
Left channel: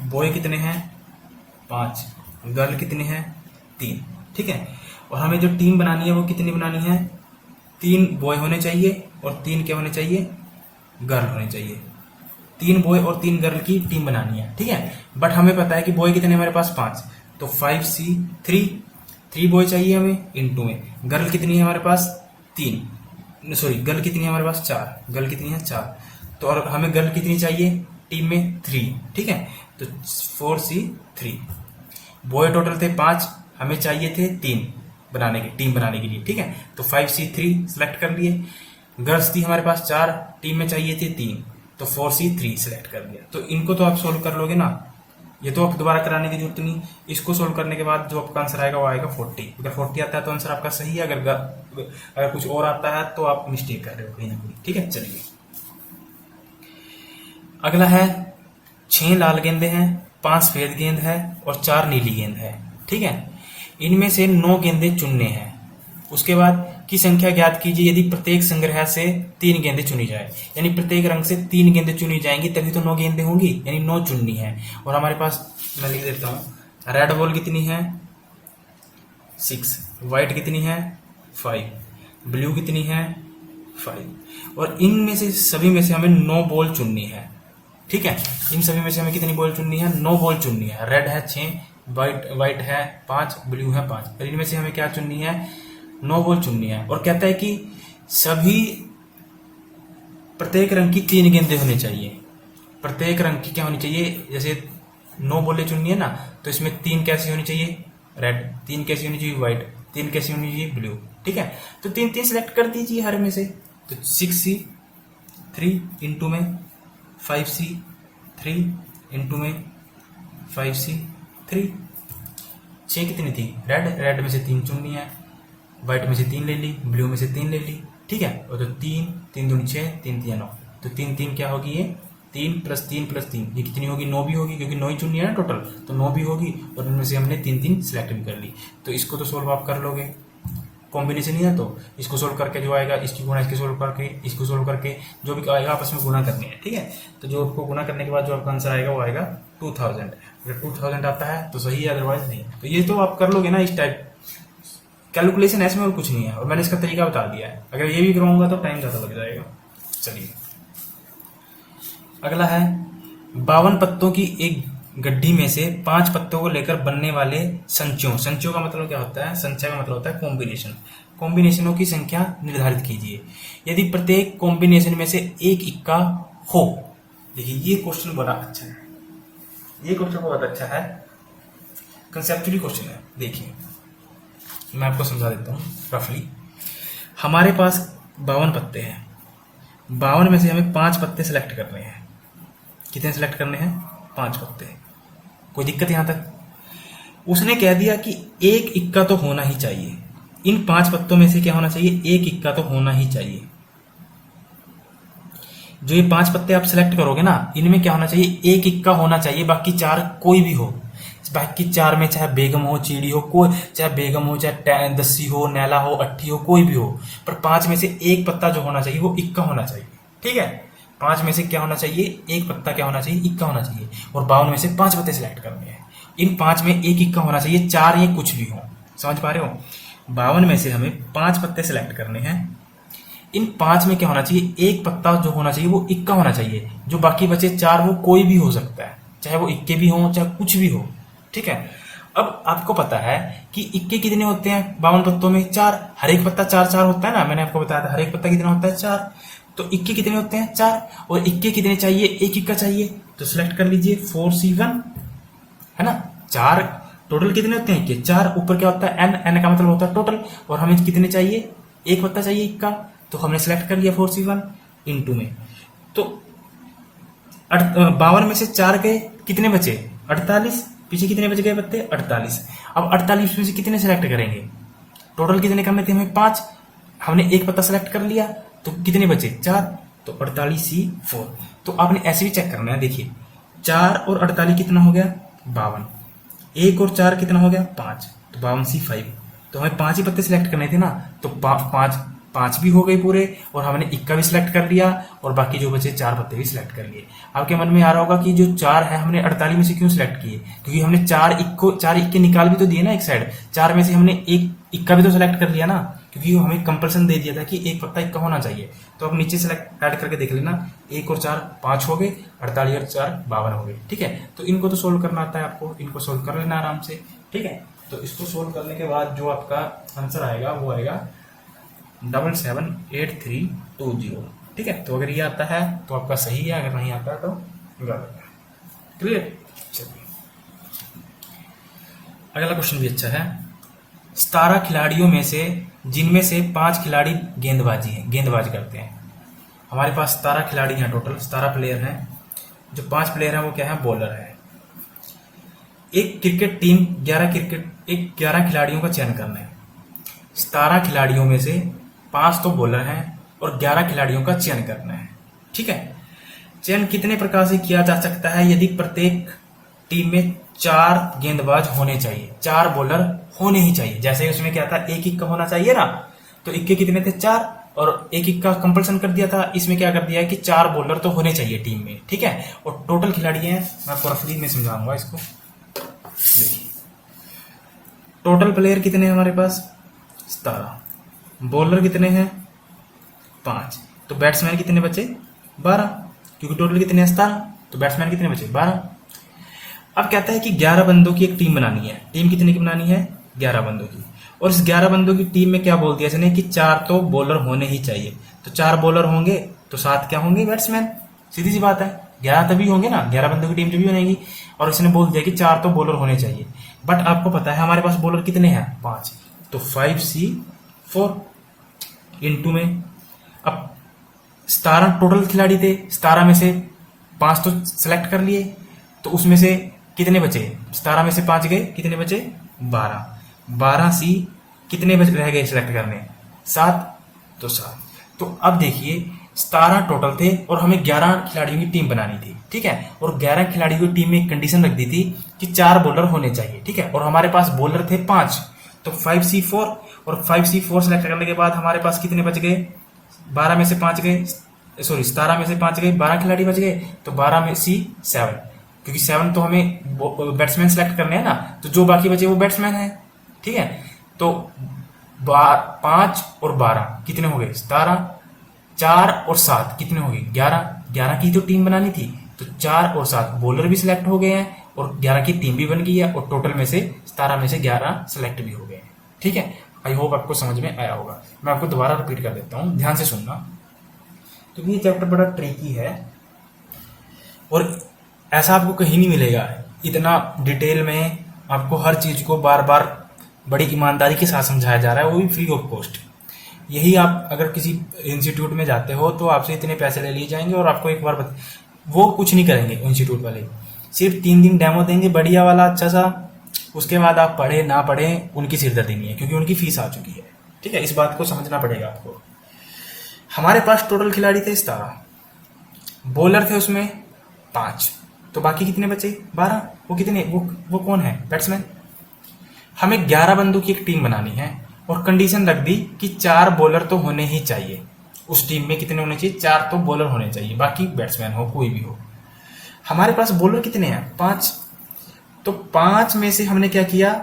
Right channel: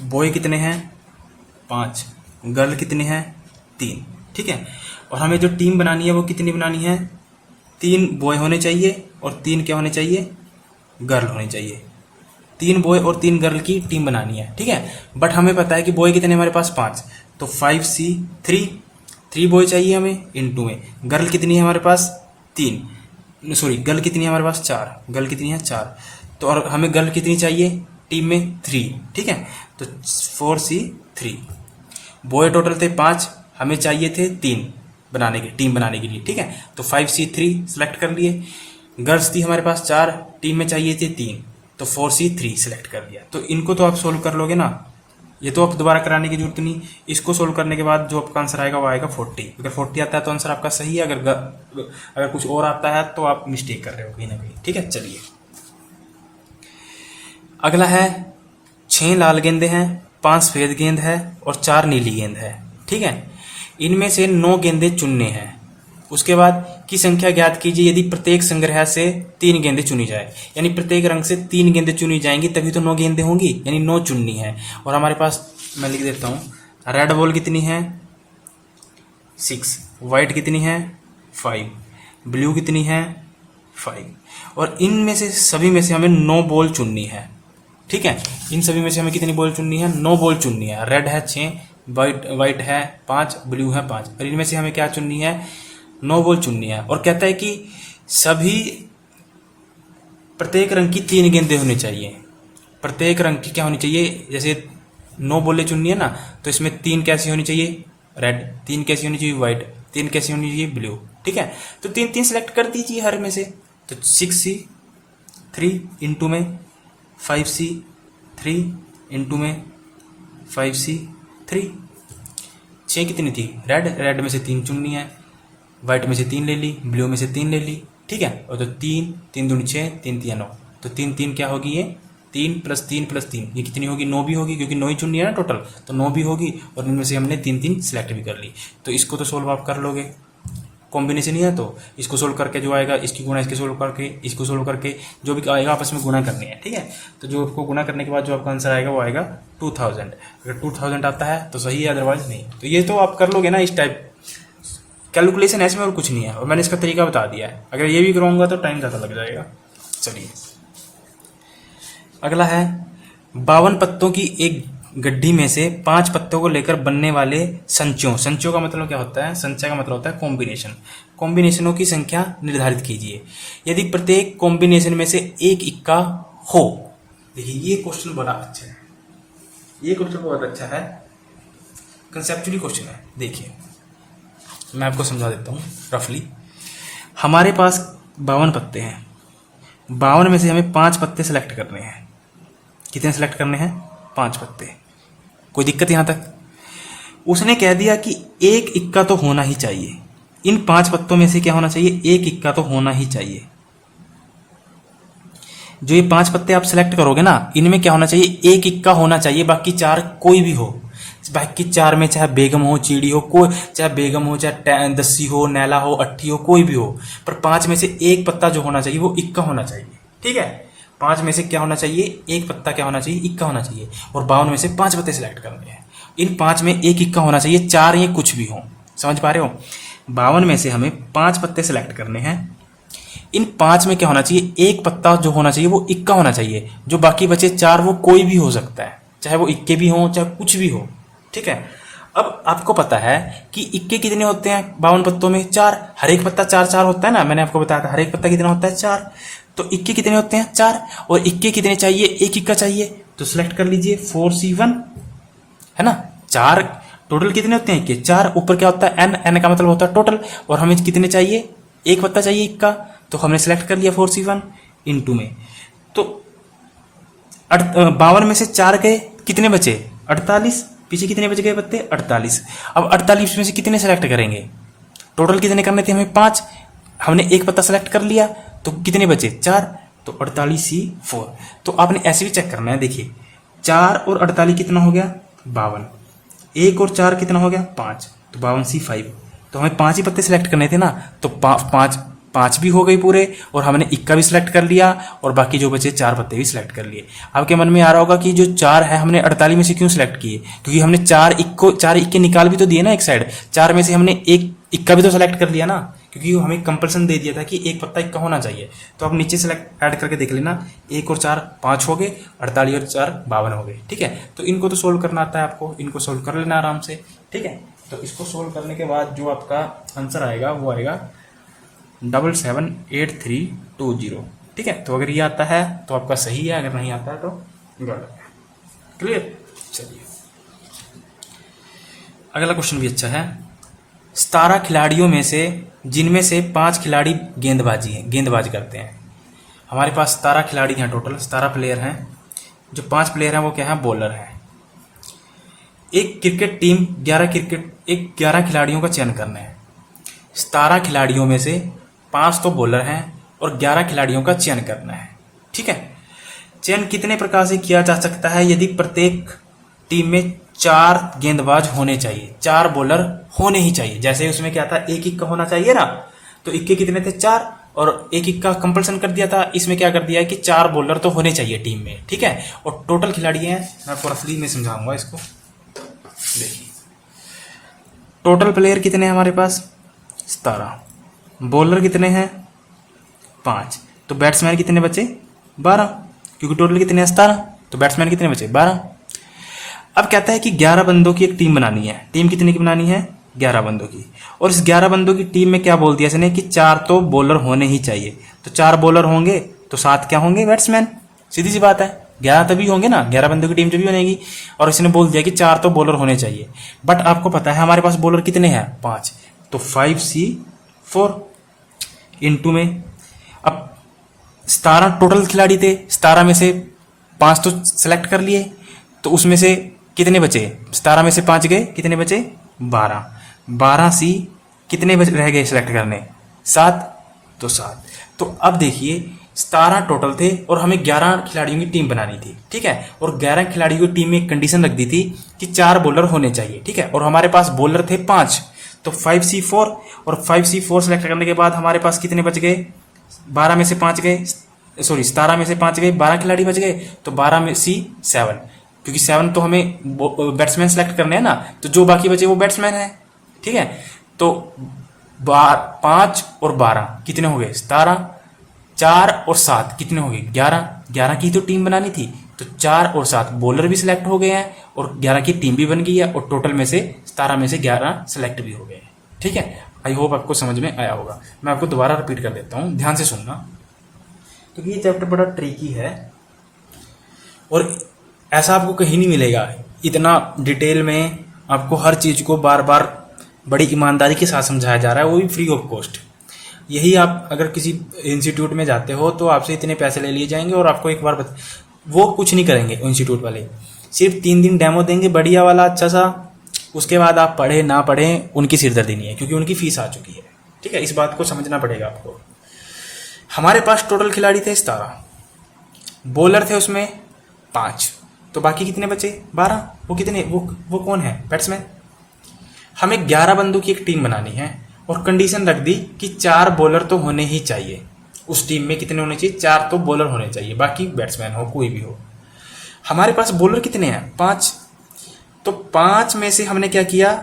बॉय कितने हैं, 5, गर्ल कितने हैं, 3, ठीक है। और हमें जो टीम बनानी है वो कितनी बनानी है, 3 बॉय होने चाहिए और 3 क्या होने चाहिए, गर्ल होने चाहिए। 3 बॉय और 3 गर्ल की टीम बनानी है, ठीक है। बट हमें पता है कि बॉय कितने हमारे पास 5, तो 5C3, 3 बॉय चाहिए हमें इनटू में। गर्ल कितनी है हमारे पास, 3, सॉरी गर्ल कितनी है हमारे पास, 4, गर्ल कितनी है 4। तो और हमें गर्ल कितनी चाहिए टीम में, 3, ठीक है। तो 4C3। बॉय टोटल थे 5, हमें चाहिए थे 3 टीम बनाने के लिए, ठीक है। तो 5C3 सेलेक्ट कर लिए। गर्ल्स थी हमारे पास 4, टीम में चाहिए थे 3, तो 4C3 सेलेक्ट कर दिया। तो इनको तो आप सोल्व कर लोगे ना, ये तो आप दोबारा कराने की जरूरत नहीं। इसको सोल्व करने के बाद जो आपका आंसर आएगा वो आएगा 40। अगर 40 आता है तो आंसर आपका सही है, अगर कुछ और आता है तो आप मिस्टेक कर रहे हो कहीं ना कहीं, ठीक है। चलिए अगला है 6 लाल गेंदे हैं, 5 सफेद गेंद है और 4 नीली गेंद है, ठीक है। इनमें से 9 गेंदे चुनने हैं। उसके बाद की संख्या ज्ञात कीजिए यदि प्रत्येक संग्रह से 3 गेंदें चुनी जाए। यानी प्रत्येक रंग से 3 गेंदें चुनी जाएंगी तभी तो 9 गेंदें होंगी, यानी 9 चुननी है। और हमारे पास मैं लिख देता हूं, रेड बॉल कितनी है, 6, व्हाइट कितनी है, 5, ब्लू कितनी है, 5। और इनमें से सभी में से हमें 9 बॉल चुननी है, ठीक है। इन सभी में से हमें कितनी बॉल चुननी है, 9 बॉल चुननी है। रेड है 6, व्हाइट है 5, ब्लू है 5, और इनमें से हमें क्या चुननी है, 9 बॉल चुननी है। और कहता है कि सभी प्रत्येक रंग की 3 गेंदें होनी चाहिए। प्रत्येक रंग की क्या होनी चाहिए, जैसे 9 बॉलें चुननी है ना, तो इसमें 3 कैसी होनी चाहिए, रेड, 3 कैसी होनी चाहिए, व्हाइट, 3 कैसी होनी चाहिए, ब्लू, ठीक है। तो 3 सेलेक्ट कर दीजिए हर में से। तो 6C3 इंटू में 5C3 इनटू में 5C3। 6 कितनी थी? रेड में से 3 चुननी है, व्हाइट में से 3 ले ली, ब्लू में से 3 ले ली, ठीक है। और तो 3 दूनी 6, 3 3 9, तो 3 क्या होगी ये? 3 + 3 + 3 ये कितनी होगी? 9 भी होगी, क्योंकि 9 ही चुननी है ना टोटल, तो 9 भी होगी। और इनमें से हमने 3 सिलेक्ट भी कर ली। तो इसको तो सोल्व आप कर लोगे, कॉम्बिनेशन ही है, तो इसको सोल्व करके जो आएगा, इसकी गुणा इसके सोल्व करके, इसको सोल्व करके, जो भी आएगा आपस में गुणा करनी है, ठीक है। तो जो आपको गुणा करने के बाद जो आपका आंसर आएगा वो आएगा 2000। अगर 2000 आता है तो सही है, अदरवाइज नहीं। तो ये तो आप कर लोगे ना, इस टाइप कैलकुलेशन ऐसे में और कुछ नहीं है। और मैंने इसका तरीका बता दिया है, अगर ये भी कराऊंगा तो टाइम ज़्यादा लग जाएगा। चलिए अगला है 52 पत्तों की एक गड्ढी में से 5 पत्तों को लेकर बनने वाले संचयों। संचयों का मतलब क्या होता है? संचय का मतलब होता है कॉम्बिनेशन। कॉम्बिनेशनों की संख्या निर्धारित कीजिए यदि प्रत्येक कॉम्बिनेशन में से एक इक्का हो। देखिए ये क्वेश्चन बड़ा अच्छा है, ये क्वेश्चन बहुत अच्छा है, कंसेप्चुअली क्वेश्चन है। देखिए मैं आपको समझा देता हूँ रफली। हमारे पास 52 पत्ते हैं, 52 में से हमें 5 पत्ते सेलेक्ट करने हैं। कितने सेलेक्ट करने हैं? 5 पत्ते। कोई दिक्कत यहां तक? उसने कह दिया कि एक इक्का तो होना ही चाहिए। इन 5 पत्तों में से क्या होना चाहिए? एक इक्का तो होना ही चाहिए। जो ये 5 पत्ते आप सेलेक्ट करोगे ना, इनमें क्या होना चाहिए? एक इक्का होना चाहिए, बाकी 4 कोई भी हो। बाकी 4 में चाहे बेगम हो, चीड़ी हो, कोई चाहे बेगम हो, चाहे दस्सी हो, नैला हो, अट्ठी हो, कोई भी हो, पर 5 में से एक पत्ता जो होना चाहिए वो इक्का होना चाहिए, ठीक है। 5 में से क्या होना चाहिए? एक पत्ता क्या होना चाहिए? इक्का होना चाहिए। और 52 में से 5 पत्ते सिलेक्ट करने हैं। इन 5 में एक इक्का होना चाहिए, 4 ये कुछ भी हो। समझ पा रहे हो? 52 में से हमें 5 पत्ते सिलेक्ट करने हैं। इन 5 में क्या होना चाहिए? एक पत्ता जो होना चाहिए वो इक्का होना चाहिए। जो बाकी बचे 4 वो कोई भी हो सकता है, चाहे वो इक्के भी हो, चाहे कुछ भी हो, ठीक है। अब आपको पता है कि इक्के कितने होते हैं 52 पत्तों में? 4। हर एक पत्ता 4 होता है ना, मैंने आपको बताया था हर एक पत्ता कितना होता है? 4। तो इक्के कितने होते हैं? 4। और इक्के कितने चाहिए? एक इक्का चाहिए, तो सिलेक्ट कर लीजिए 4C1, है ना। 4 टोटल कितने होते हैं? इक्के 4। ऊपर क्या होता है? n का मतलब होता है टोटल। और हमें कितने चाहिए? एक पत्ता चाहिए इक्का, तो हमने सिलेक्ट कर लिया 4C1 इनटू में। तो 52 में से 4 गए, कितने बचे? 48। पीछे कितने बच गए पत्ते? 48। अब 48 में से कितने सेलेक्ट करेंगे? टोटल कितने करने थे हमें? 5। हमने एक पत्ता सेलेक्ट कर लिया, तो कितने बचे? 4। तो 48C4। तो आपने ऐसे भी चेक करना है। देखिए 4 और 48 कितना हो गया? 52। 1 और 4 कितना हो गया? 5। तो 52C5। तो हमें 5 ही पत्ते सिलेक्ट करने थे ना, तो 5 भी हो गए पूरे, और हमने इक्का भी सिलेक्ट कर लिया, और बाकी जो बचे 4 पत्ते भी सिलेक्ट कर लिए। आपके मन में आ रहा होगा कि जो 4 है हमने 48 में से क्यों सिलेक्ट किए? क्योंकि हमने 4 इक्के निकाल भी तो दिए ना एक साइड। 4 में से हमने एक इक्का भी तो सिलेक्ट कर लिया ना, क्योंकि हमें कंपल्सन दे दिया था कि एक पत्ता इक्का होना चाहिए। तो आप नीचे सेलेक्ट ऐड करके देख लेना, 1 और 4 5 हो गए, 48 और 4 52 हो गए, ठीक है। तो इनको तो सोल्व करना आता है आपको, इनको सोल्व कर लेना आराम से, ठीक है। तो इसको सोल्व करने के बाद जो आपका आंसर आएगा वो आएगा 778320, ठीक है। तो अगर ये आता है तो आपका सही है, अगर नहीं आता है तो गलत है। क्लियर? चलिए अगला क्वेश्चन भी अच्छा है। 17 खिलाड़ियों में से जिनमें से 5 खिलाड़ी गेंदबाजी करते हैं। हमारे पास 17 खिलाड़ी हैं, टोटल 17 प्लेयर हैं। जो 5 प्लेयर हैं वो क्या है? बॉलर हैं। एक क्रिकेट टीम 11 खिलाड़ियों का चयन करना है। 17 खिलाड़ियों में से 5 तो बॉलर हैं और 11 खिलाड़ियों का चयन करना है, ठीक है। चयन कितने प्रकार से किया जा सकता है? यदि प्रत्येक टीम में 4 गेंदबाज होने चाहिए, 4 बॉलर होने ही चाहिए। जैसे उसमें क्या था? एक इक्का होना चाहिए ना, तो इक्के कितने थे? 4, और एक इक्का कंपल्सन कर दिया था। इसमें क्या कर दिया है कि 4 बॉलर तो होने चाहिए टीम में, ठीक है। और टोटल खिलाड़ी हैं, मैं आपको रफली में समझाऊंगा इसको। देखिए टोटल प्लेयर कितने हैं हमारे पास? 17। बॉलर कितने हैं? 5। तो बैट्समैन कितने बचे? 12, क्योंकि टोटल कितने हैं? 17। तो बैट्समैन कितने बचे? 12। अब कहता है कि 11 बंदों की एक टीम बनानी है। टीम कितने की बनानी है? 11 बंदों की। और इस 11 बंदों की टीम में क्या बोल दिया इसने कि 4 तो बॉलर होने ही चाहिए। तो 4 बॉलर होंगे तो 7 क्या होंगे? बैट्समैन। सीधी सी बात है, 11 तभी होंगे ना, 11 बंदों की टीम जब भी बनेगी। और इसने बोल दिया कि 4 तो बॉलर होने चाहिए। बट आपको पता है हमारे पास बॉलर कितने हैं? 5। तो 5C4 इनटू में, अब 17 टोटल खिलाड़ी थे, 17 में से 5 तो सेलेक्ट कर लिए, तो उसमें से कितने बचे? 17 में से 5 गए, कितने बचे? 12। 12C कितने रह गए सिलेक्ट करने? 7। तो 7। तो अब देखिए 17 टोटल थे और हमें 11 खिलाड़ियों की टीम बनानी थी, ठीक है। और 11 खिलाड़ियों की टीम में एक कंडीशन रख दी थी कि 4 बॉलर होने चाहिए, ठीक है। और हमारे पास बॉलर थे 5, तो 5C4 और 5C4 सेलेक्ट करने के बाद हमारे पास कितने बच गए? 12 में से 5 गए, सॉरी 17 में से 5 गए, 12 खिलाड़ी बच गए, तो 12 में C 7, क्योंकि 7 तो हमें बैट्समैन सेलेक्ट करने हैं ना, तो जो बाकी बचे वो बैट्समैन है, ठीक है। तो 5 और 12 कितने हो गए? 17। 4 और 7 कितने हो गए? 11। 11 की तो टीम बनानी थी, तो 4 और 7 बॉलर भी सिलेक्ट हो गए हैं और 11 की टीम भी बन गई है, और टोटल में से 17 में से 11 सिलेक्ट भी हो गए हैं, ठीक है। आई होप आपको समझ में आया होगा। मैं आपको दोबारा रिपीट कर देता हूँ, ध्यान से सुनना, क्योंकि ये चैप्टर बड़ा ट्रिकी है और ऐसा आपको कहीं नहीं मिलेगा इतना डिटेल में। आपको हर चीज को बार बार बड़ी ईमानदारी के साथ समझाया जा रहा है, वो भी फ्री ऑफ कॉस्ट। यही आप अगर किसी इंस्टीट्यूट में जाते हो तो आपसे इतने पैसे ले लिए जाएंगे और आपको एक बार वो कुछ नहीं करेंगे इंस्टीट्यूट वाले, सिर्फ 3 दिन डेमो देंगे बढ़िया वाला अच्छा सा, उसके बाद आप पढ़े ना पढ़े उनकी सिरदर्दी नहीं है, क्योंकि उनकी फीस आ चुकी है, ठीक है। इस बात को समझना पड़ेगा आपको। हमारे पास टोटल खिलाड़ी थे 17, बॉलर थे उसमें 5, तो बाकी कितने बचे? 12। वो कितने? वो कौन है? बैट्समैन। हमें 11 बंदों की एक टीम बनानी है और कंडीशन रख दी कि 4 बॉलर तो होने ही चाहिए। उस टीम में कितने होने चाहिए? 4 तो बॉलर होने चाहिए, बाकी बैट्समैन हो कोई भी हो। हमारे पास बॉलर कितने हैं? 5। तो 5 में से हमने क्या किया?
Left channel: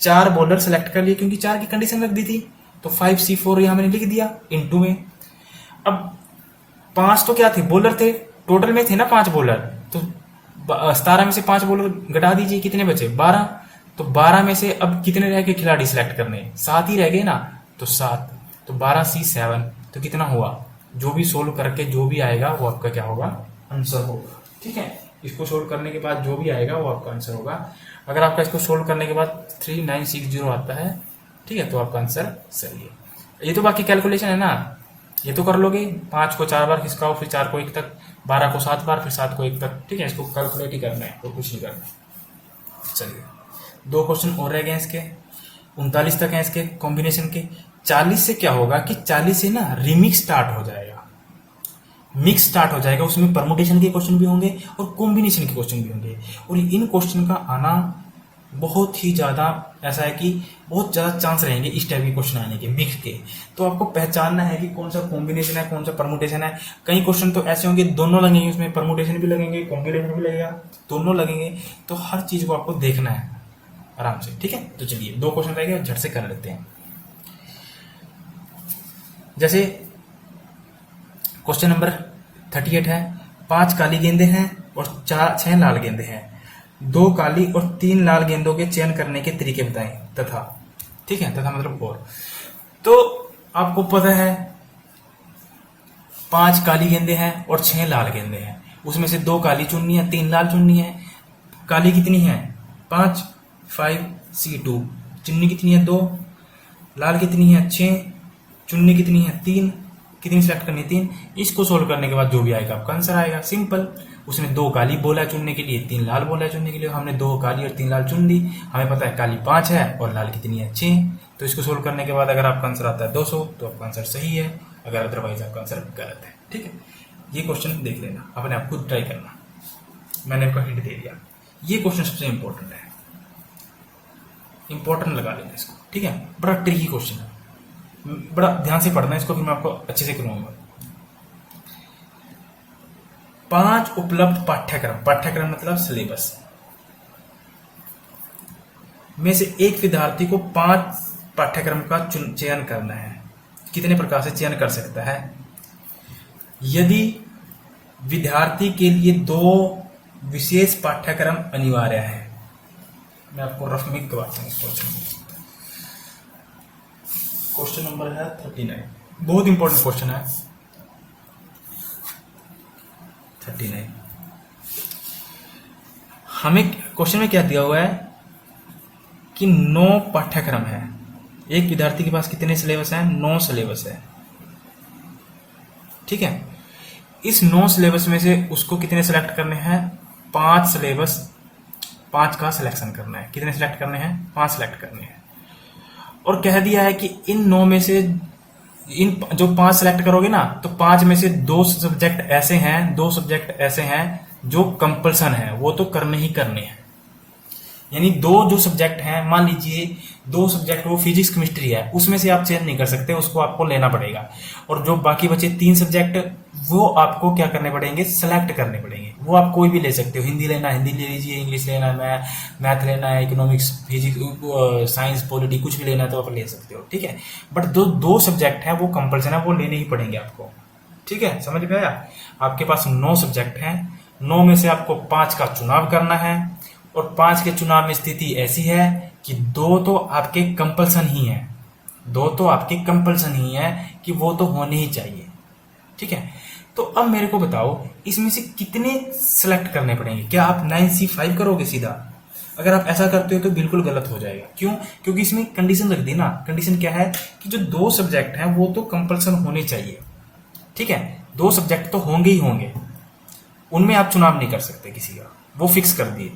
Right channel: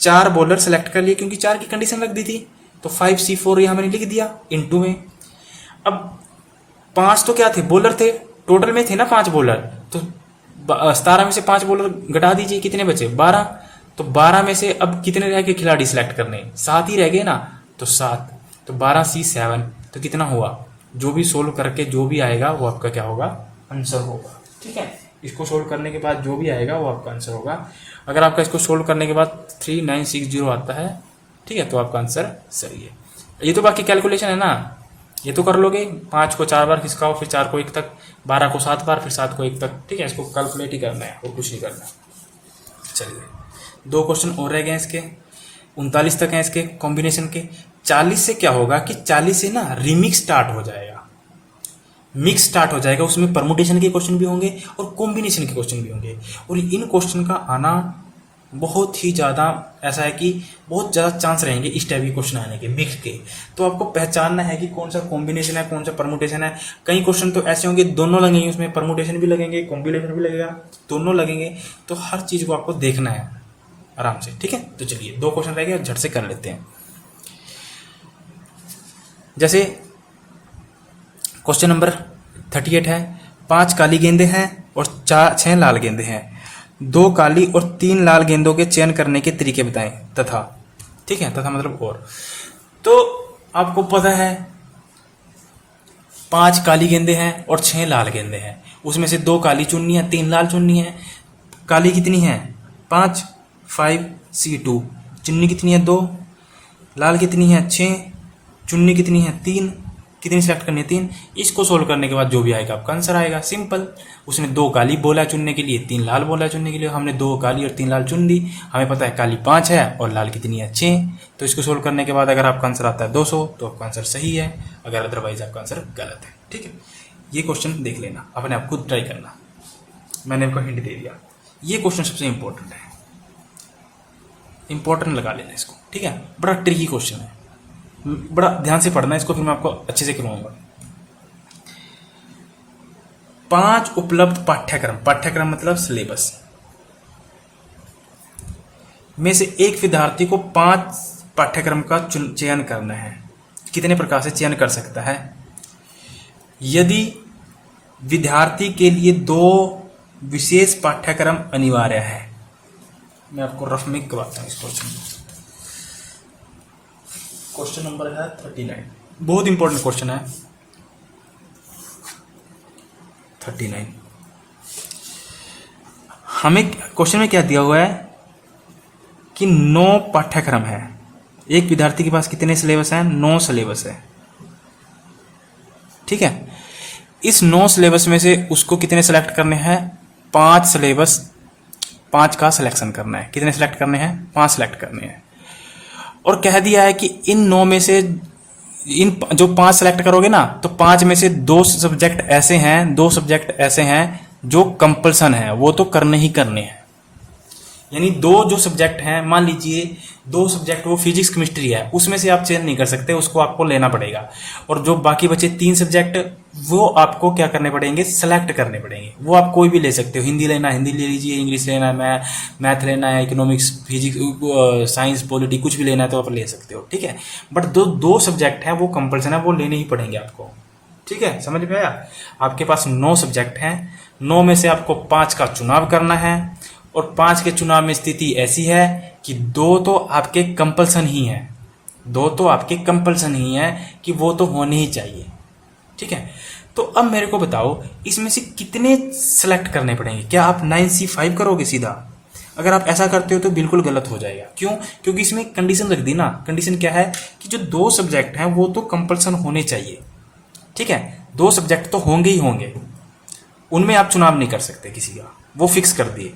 4 बॉलर सेलेक्ट कर लिए, क्योंकि 4 की कंडीशन रख दी थी, तो 5C4 ये हमने लिख दिया इनटू में। अब 5 तो क्या थे? बॉलर थे, टोटल में थे ना 5 बॉलर, तो 17 में से 5 बॉलर घटा दीजिए, कितने बचे? 12। तो 12 में से अब कितने रह गए खिलाड़ी सिलेक्ट करने? 7 ही रह गए ना, तो 7। तो 12C 7, तो कितना हुआ? जो भी सोल्व करके जो भी आएगा वो आपका क्या होगा? आंसर होगा, ठीक है। इसको सोल्व करने के बाद जो भी आएगा वो आपका आंसर होगा। अगर आपका इसको सोल्व करने के बाद 3960 आता है, ठीक है, तो आपका आंसर सही है। ये तो बाकी कैलकुलेशन है ना, ये तो कर लोगे। 5 को 4 बार खिसकाओ, फिर 4 को 1 तक, 12 को 7 बार, फिर 7 को 1 तक, ठीक है। इसको कैलकुलेट ही करना है और कुछ नहीं करना। चलिए 2 क्वेश्चन और रह गए इसके। 39 तक है इसके कॉम्बिनेशन के। 40 से क्या होगा कि 40 से ना रिमिक्स स्टार्ट हो जाएगा, मिक्स स्टार्ट हो जाएगा। उसमें परमुटेशन के क्वेश्चन भी होंगे और कॉम्बिनेशन के क्वेश्चन भी होंगे, और इन क्वेश्चन का आना बहुत ही ज़्यादा ऐसा है कि बहुत ज़्यादा चांस रहेंगे इस टाइप के क्वेश्चन आने के, मिक्स के। तो आपको पहचानना है कि कौन सा कॉम्बिनेशन है, कौन सा परमुटेशन है। कई क्वेश्चन तो ऐसे होंगे दोनों लगेंगे, उसमें परमुटेशन भी लगेंगे, कॉम्बिनेशन भी लगेगा, दोनों लगेंगे। तो हर चीज़ को आपको देखना है आराम से, ठीक है। तो चलिए 2 क्वेश्चन रह गए, झट से कर लेते हैं। जैसे क्वेश्चन नंबर 38 है, 5 काली गेंदें हैं और 6 लाल गेंदें हैं। 2 काली और 3 लाल गेंदों के चयन करने के तरीके बताएं तथा, ठीक है, तथा मतलब और। तो आपको पता है 5 काली गेंदें हैं और 6 लाल गेंदें हैं, उसमें से 2 काली चुननी है, 3 लाल चुननी है। काली कितनी है? 5, 5C2। चुन्नी कितनी है? 2। लाल कितनी है? 6। चुन्नी कितनी है? 3। कितनी सेलेक्ट करनी है? 3। इसको सोल्व करने के बाद जो भी आएगा आपका आंसर आएगा, सिंपल। उसने 2 काली बोला चुनने के लिए, 3 लाल बोला चुनने के लिए। हमने 2 काली और 3 लाल चुन ली। हमें पता है काली 5 है और लाल कितनी है? 6। तो इसको सोल्व करने के बाद अगर आपका आंसर आता है 200 तो आपका आंसर सही है, अगर अदरवाइज आपका आंसर गलत है, ठीक है। ये क्वेश्चन देख लेना, अपने आप खुद ट्राई करना, मैंने आपको हिंट दे दिया। ये क्वेश्चन सबसे इंपॉर्टेंट है, इंपॉर्टेंट लगा लेना इसको, ठीक है। बड़ा ट्रिकी क्वेश्चन है, बड़ा ध्यान से पढ़ना इसको, फिर मैं आपको अच्छे से करवाऊंगा। 5 उपलब्ध पाठ्यक्रम, पाठ्यक्रम मतलब सिलेबस में से एक विद्यार्थी को 5 पाठ्यक्रम का चयन करना है। कितने प्रकार से चयन कर सकता है? यदि विद्यार्थी के लिए 2 विशेष पाठ्यक्रम अनिवार्य है। मैं आपको रफ में करवाता हूँ इस क्वेश्चन नंबर है 39, बहुत इंपॉर्टेंट क्वेश्चन है 39। हमें क्वेश्चन में क्या दिया हुआ है कि 9 पाठ्यक्रम है। एक विद्यार्थी के पास कितने सिलेबस हैं? 9 सिलेबस है, ठीक है। इस 9 सिलेबस में से उसको कितने सेलेक्ट करने हैं? 5 सिलेबस, 5 का सिलेक्शन करना है। कितने सिलेक्ट करने हैं? 5 सिलेक्ट करने हैं। और कह दिया है कि इन 9 में से इन जो 5 सेलेक्ट करोगे ना, तो 5 में से 2 सब्जेक्ट ऐसे हैं, 2 सब्जेक्ट ऐसे हैं जो कंपल्सन है, वो तो करने ही करने हैं। यानी 2 जो सब्जेक्ट हैं, मान लीजिए 2 सब्जेक्ट वो फिजिक्स केमिस्ट्री है, उसमें से आप चेंज नहीं कर सकते, उसको आपको लेना पड़ेगा। और जो बाकी बचे 3 सब्जेक्ट, वो आपको क्या करने पड़ेंगे? सेलेक्ट करने पड़ेंगे। वो आप कोई भी ले सकते हो, हिंदी लेना हिंदी ले लीजिए, इंग्लिश लेना है, मैथ लेना है, इकोनॉमिक्स, फिजिक्स, साइंस, पॉलिटी, कुछ भी लेना है तो आप ले सकते हो, ठीक है। बट दो सब्जेक्ट हैं वो कंपल्सन है, वो लेने ही पड़ेंगे आपको, ठीक है। समझ में आया? आपके पास 9 सब्जेक्ट हैं, 9 में से आपको 5 का चुनाव करना है। और 5 के चुनाव में स्थिति ऐसी है कि 2 तो आपके कंपल्सन ही है, 2 तो आपके कंपल्सन ही है कि वो तो होने ही चाहिए, ठीक है। तो अब मेरे को बताओ, इसमें से कितने सेलेक्ट करने पड़ेंगे? क्या आप 9C5 करोगे सीधा? अगर आप ऐसा करते हो तो बिल्कुल गलत हो जाएगा। क्यों? क्योंकि इसमें कंडीशन रख दी ना। कंडीशन क्या है कि जो 2 सब्जेक्ट हैं वो तो कंपल्सन होने चाहिए, ठीक है। 2 सब्जेक्ट तो होंगे ही होंगे, उनमें आप चुनाव नहीं कर सकते किसी का, वो फिक्स कर दिए।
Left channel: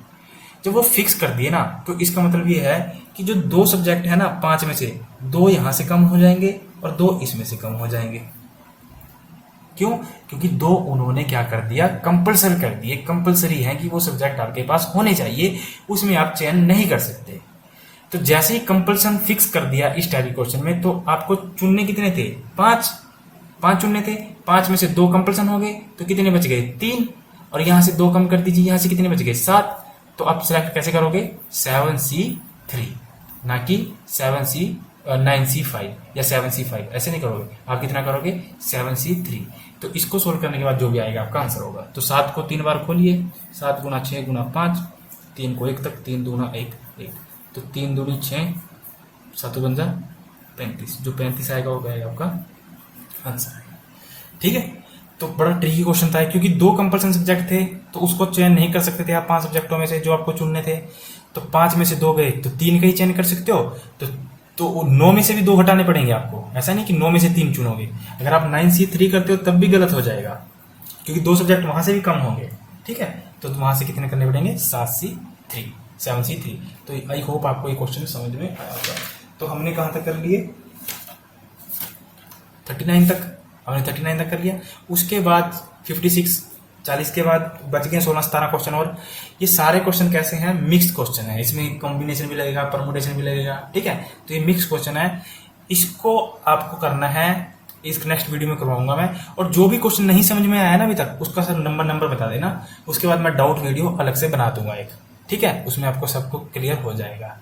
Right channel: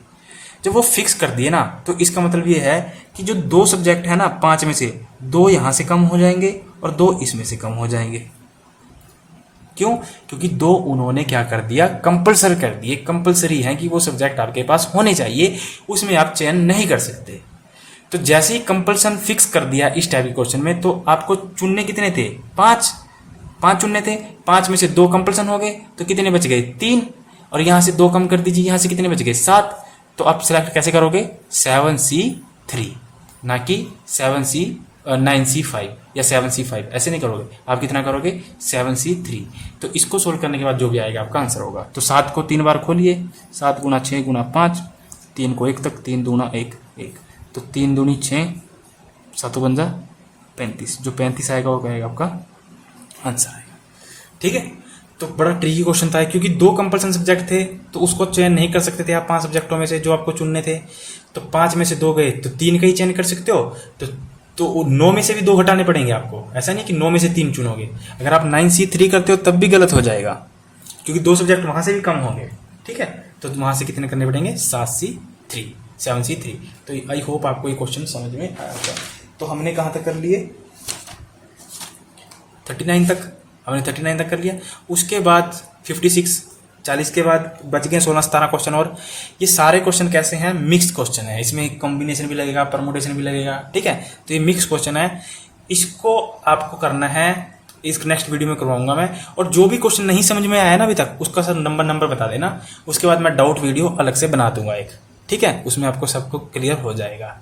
जब वो फिक्स कर दिए ना, तो इसका मतलब ये है कि जो 2 सब्जेक्ट है ना, 5 में से 2 यहां से कम हो जाएंगे और 2 इसमें से कम हो जाएंगे। क्यों? क्योंकि 2 उन्होंने क्या कर दिया? कंपल्सरी कर दिए। कंपल्सरी है कि वो सब्जेक्ट आपके पास होने चाहिए, उसमें आप चयन नहीं कर सकते। तो जैसे ही कंपल्सन फिक्स कर दिया इस टाइप के क्वेश्चन में, तो आपको चुनने कितने थे? 5 चुनने थे। 5 में से 2 कंपल्सन हो गए, तो कितने बच गए? 3। और यहां से 2 कम कर दीजिए, यहां से कितने बच गए? 7। तो आप सिलेक्ट कैसे करोगे? 7C3, ना कि 9C5 या 7C5, ऐसे नहीं करोगे। आप कितना करोगे? 7C3। तो इसको सोल्व करने के बाद जो भी आएगा आपका आंसर होगा। तो 7 को 3 बार खोलिए, 7 गुना 6 गुना 5, 3 को 1 तक, 3 दूना 1 1, तो 3 दूनी 6, 7 बन जा 35। जो 35 आएगा वो आएगा आपका आंसर आएगा, ठीक है। तो बड़ा ट्रिकी क्वेश्चन था, क्योंकि 2 कंपल्सन सब्जेक्ट थे तो उसको चयन नहीं कर सकते थे आप 5 सब्जेक्टों में से जो आपको चुनने थे। तो 5 में से 2 गए तो 3 का ही चयन कर सकते हो। तो 9 में से भी 2 हटाने पड़ेंगे आपको। ऐसा नहीं कि 9 में से 3 चुनोगे। अगर आप 9C3 करते हो तब भी गलत हो जाएगा, क्योंकि 2 सब्जेक्ट वहां से भी कम होंगे, ठीक है। तो वहां से कितने करने पड़ेंगे? 7C3। तो आई होप आपको ये क्वेश्चन समझ में आया होगा। तो हमने कहां तक कर लिए? 39 तक। हमने 39 तक कर लिया। उसके बाद 56, 40 के बाद बच गए 16-17 क्वेश्चन। और ये सारे क्वेश्चन कैसे हैं? मिक्स क्वेश्चन है। इसमें कॉम्बिनेशन भी लगेगा, परमुटेशन भी लगेगा, ठीक है। तो ये मिक्स क्वेश्चन है, इसको आपको करना है। इस नेक्स्ट वीडियो में करवाऊंगा मैं। और जो भी क्वेश्चन नहीं समझ में आया ना अभी तक, उसका सर नंबर बता देना। उसके बाद मैं डाउट वीडियो अलग से बना दूंगा एक, ठीक है। उसमें आपको सबको क्लियर हो जाएगा।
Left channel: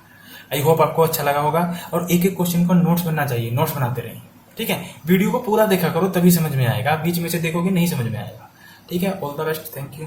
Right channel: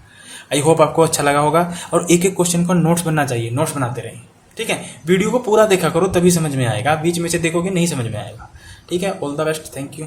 आई होप आपको अच्छा लगा होगा। और एक एक क्वेश्चन का नोट्स बनना चाहिए, नोट्स बनाते रहें, ठीक है। वीडियो को पूरा देखा करो, तभी समझ में आएगा। बीच में से देखोगे नहीं समझ में आएगा, ठीक है। All the best, thank you.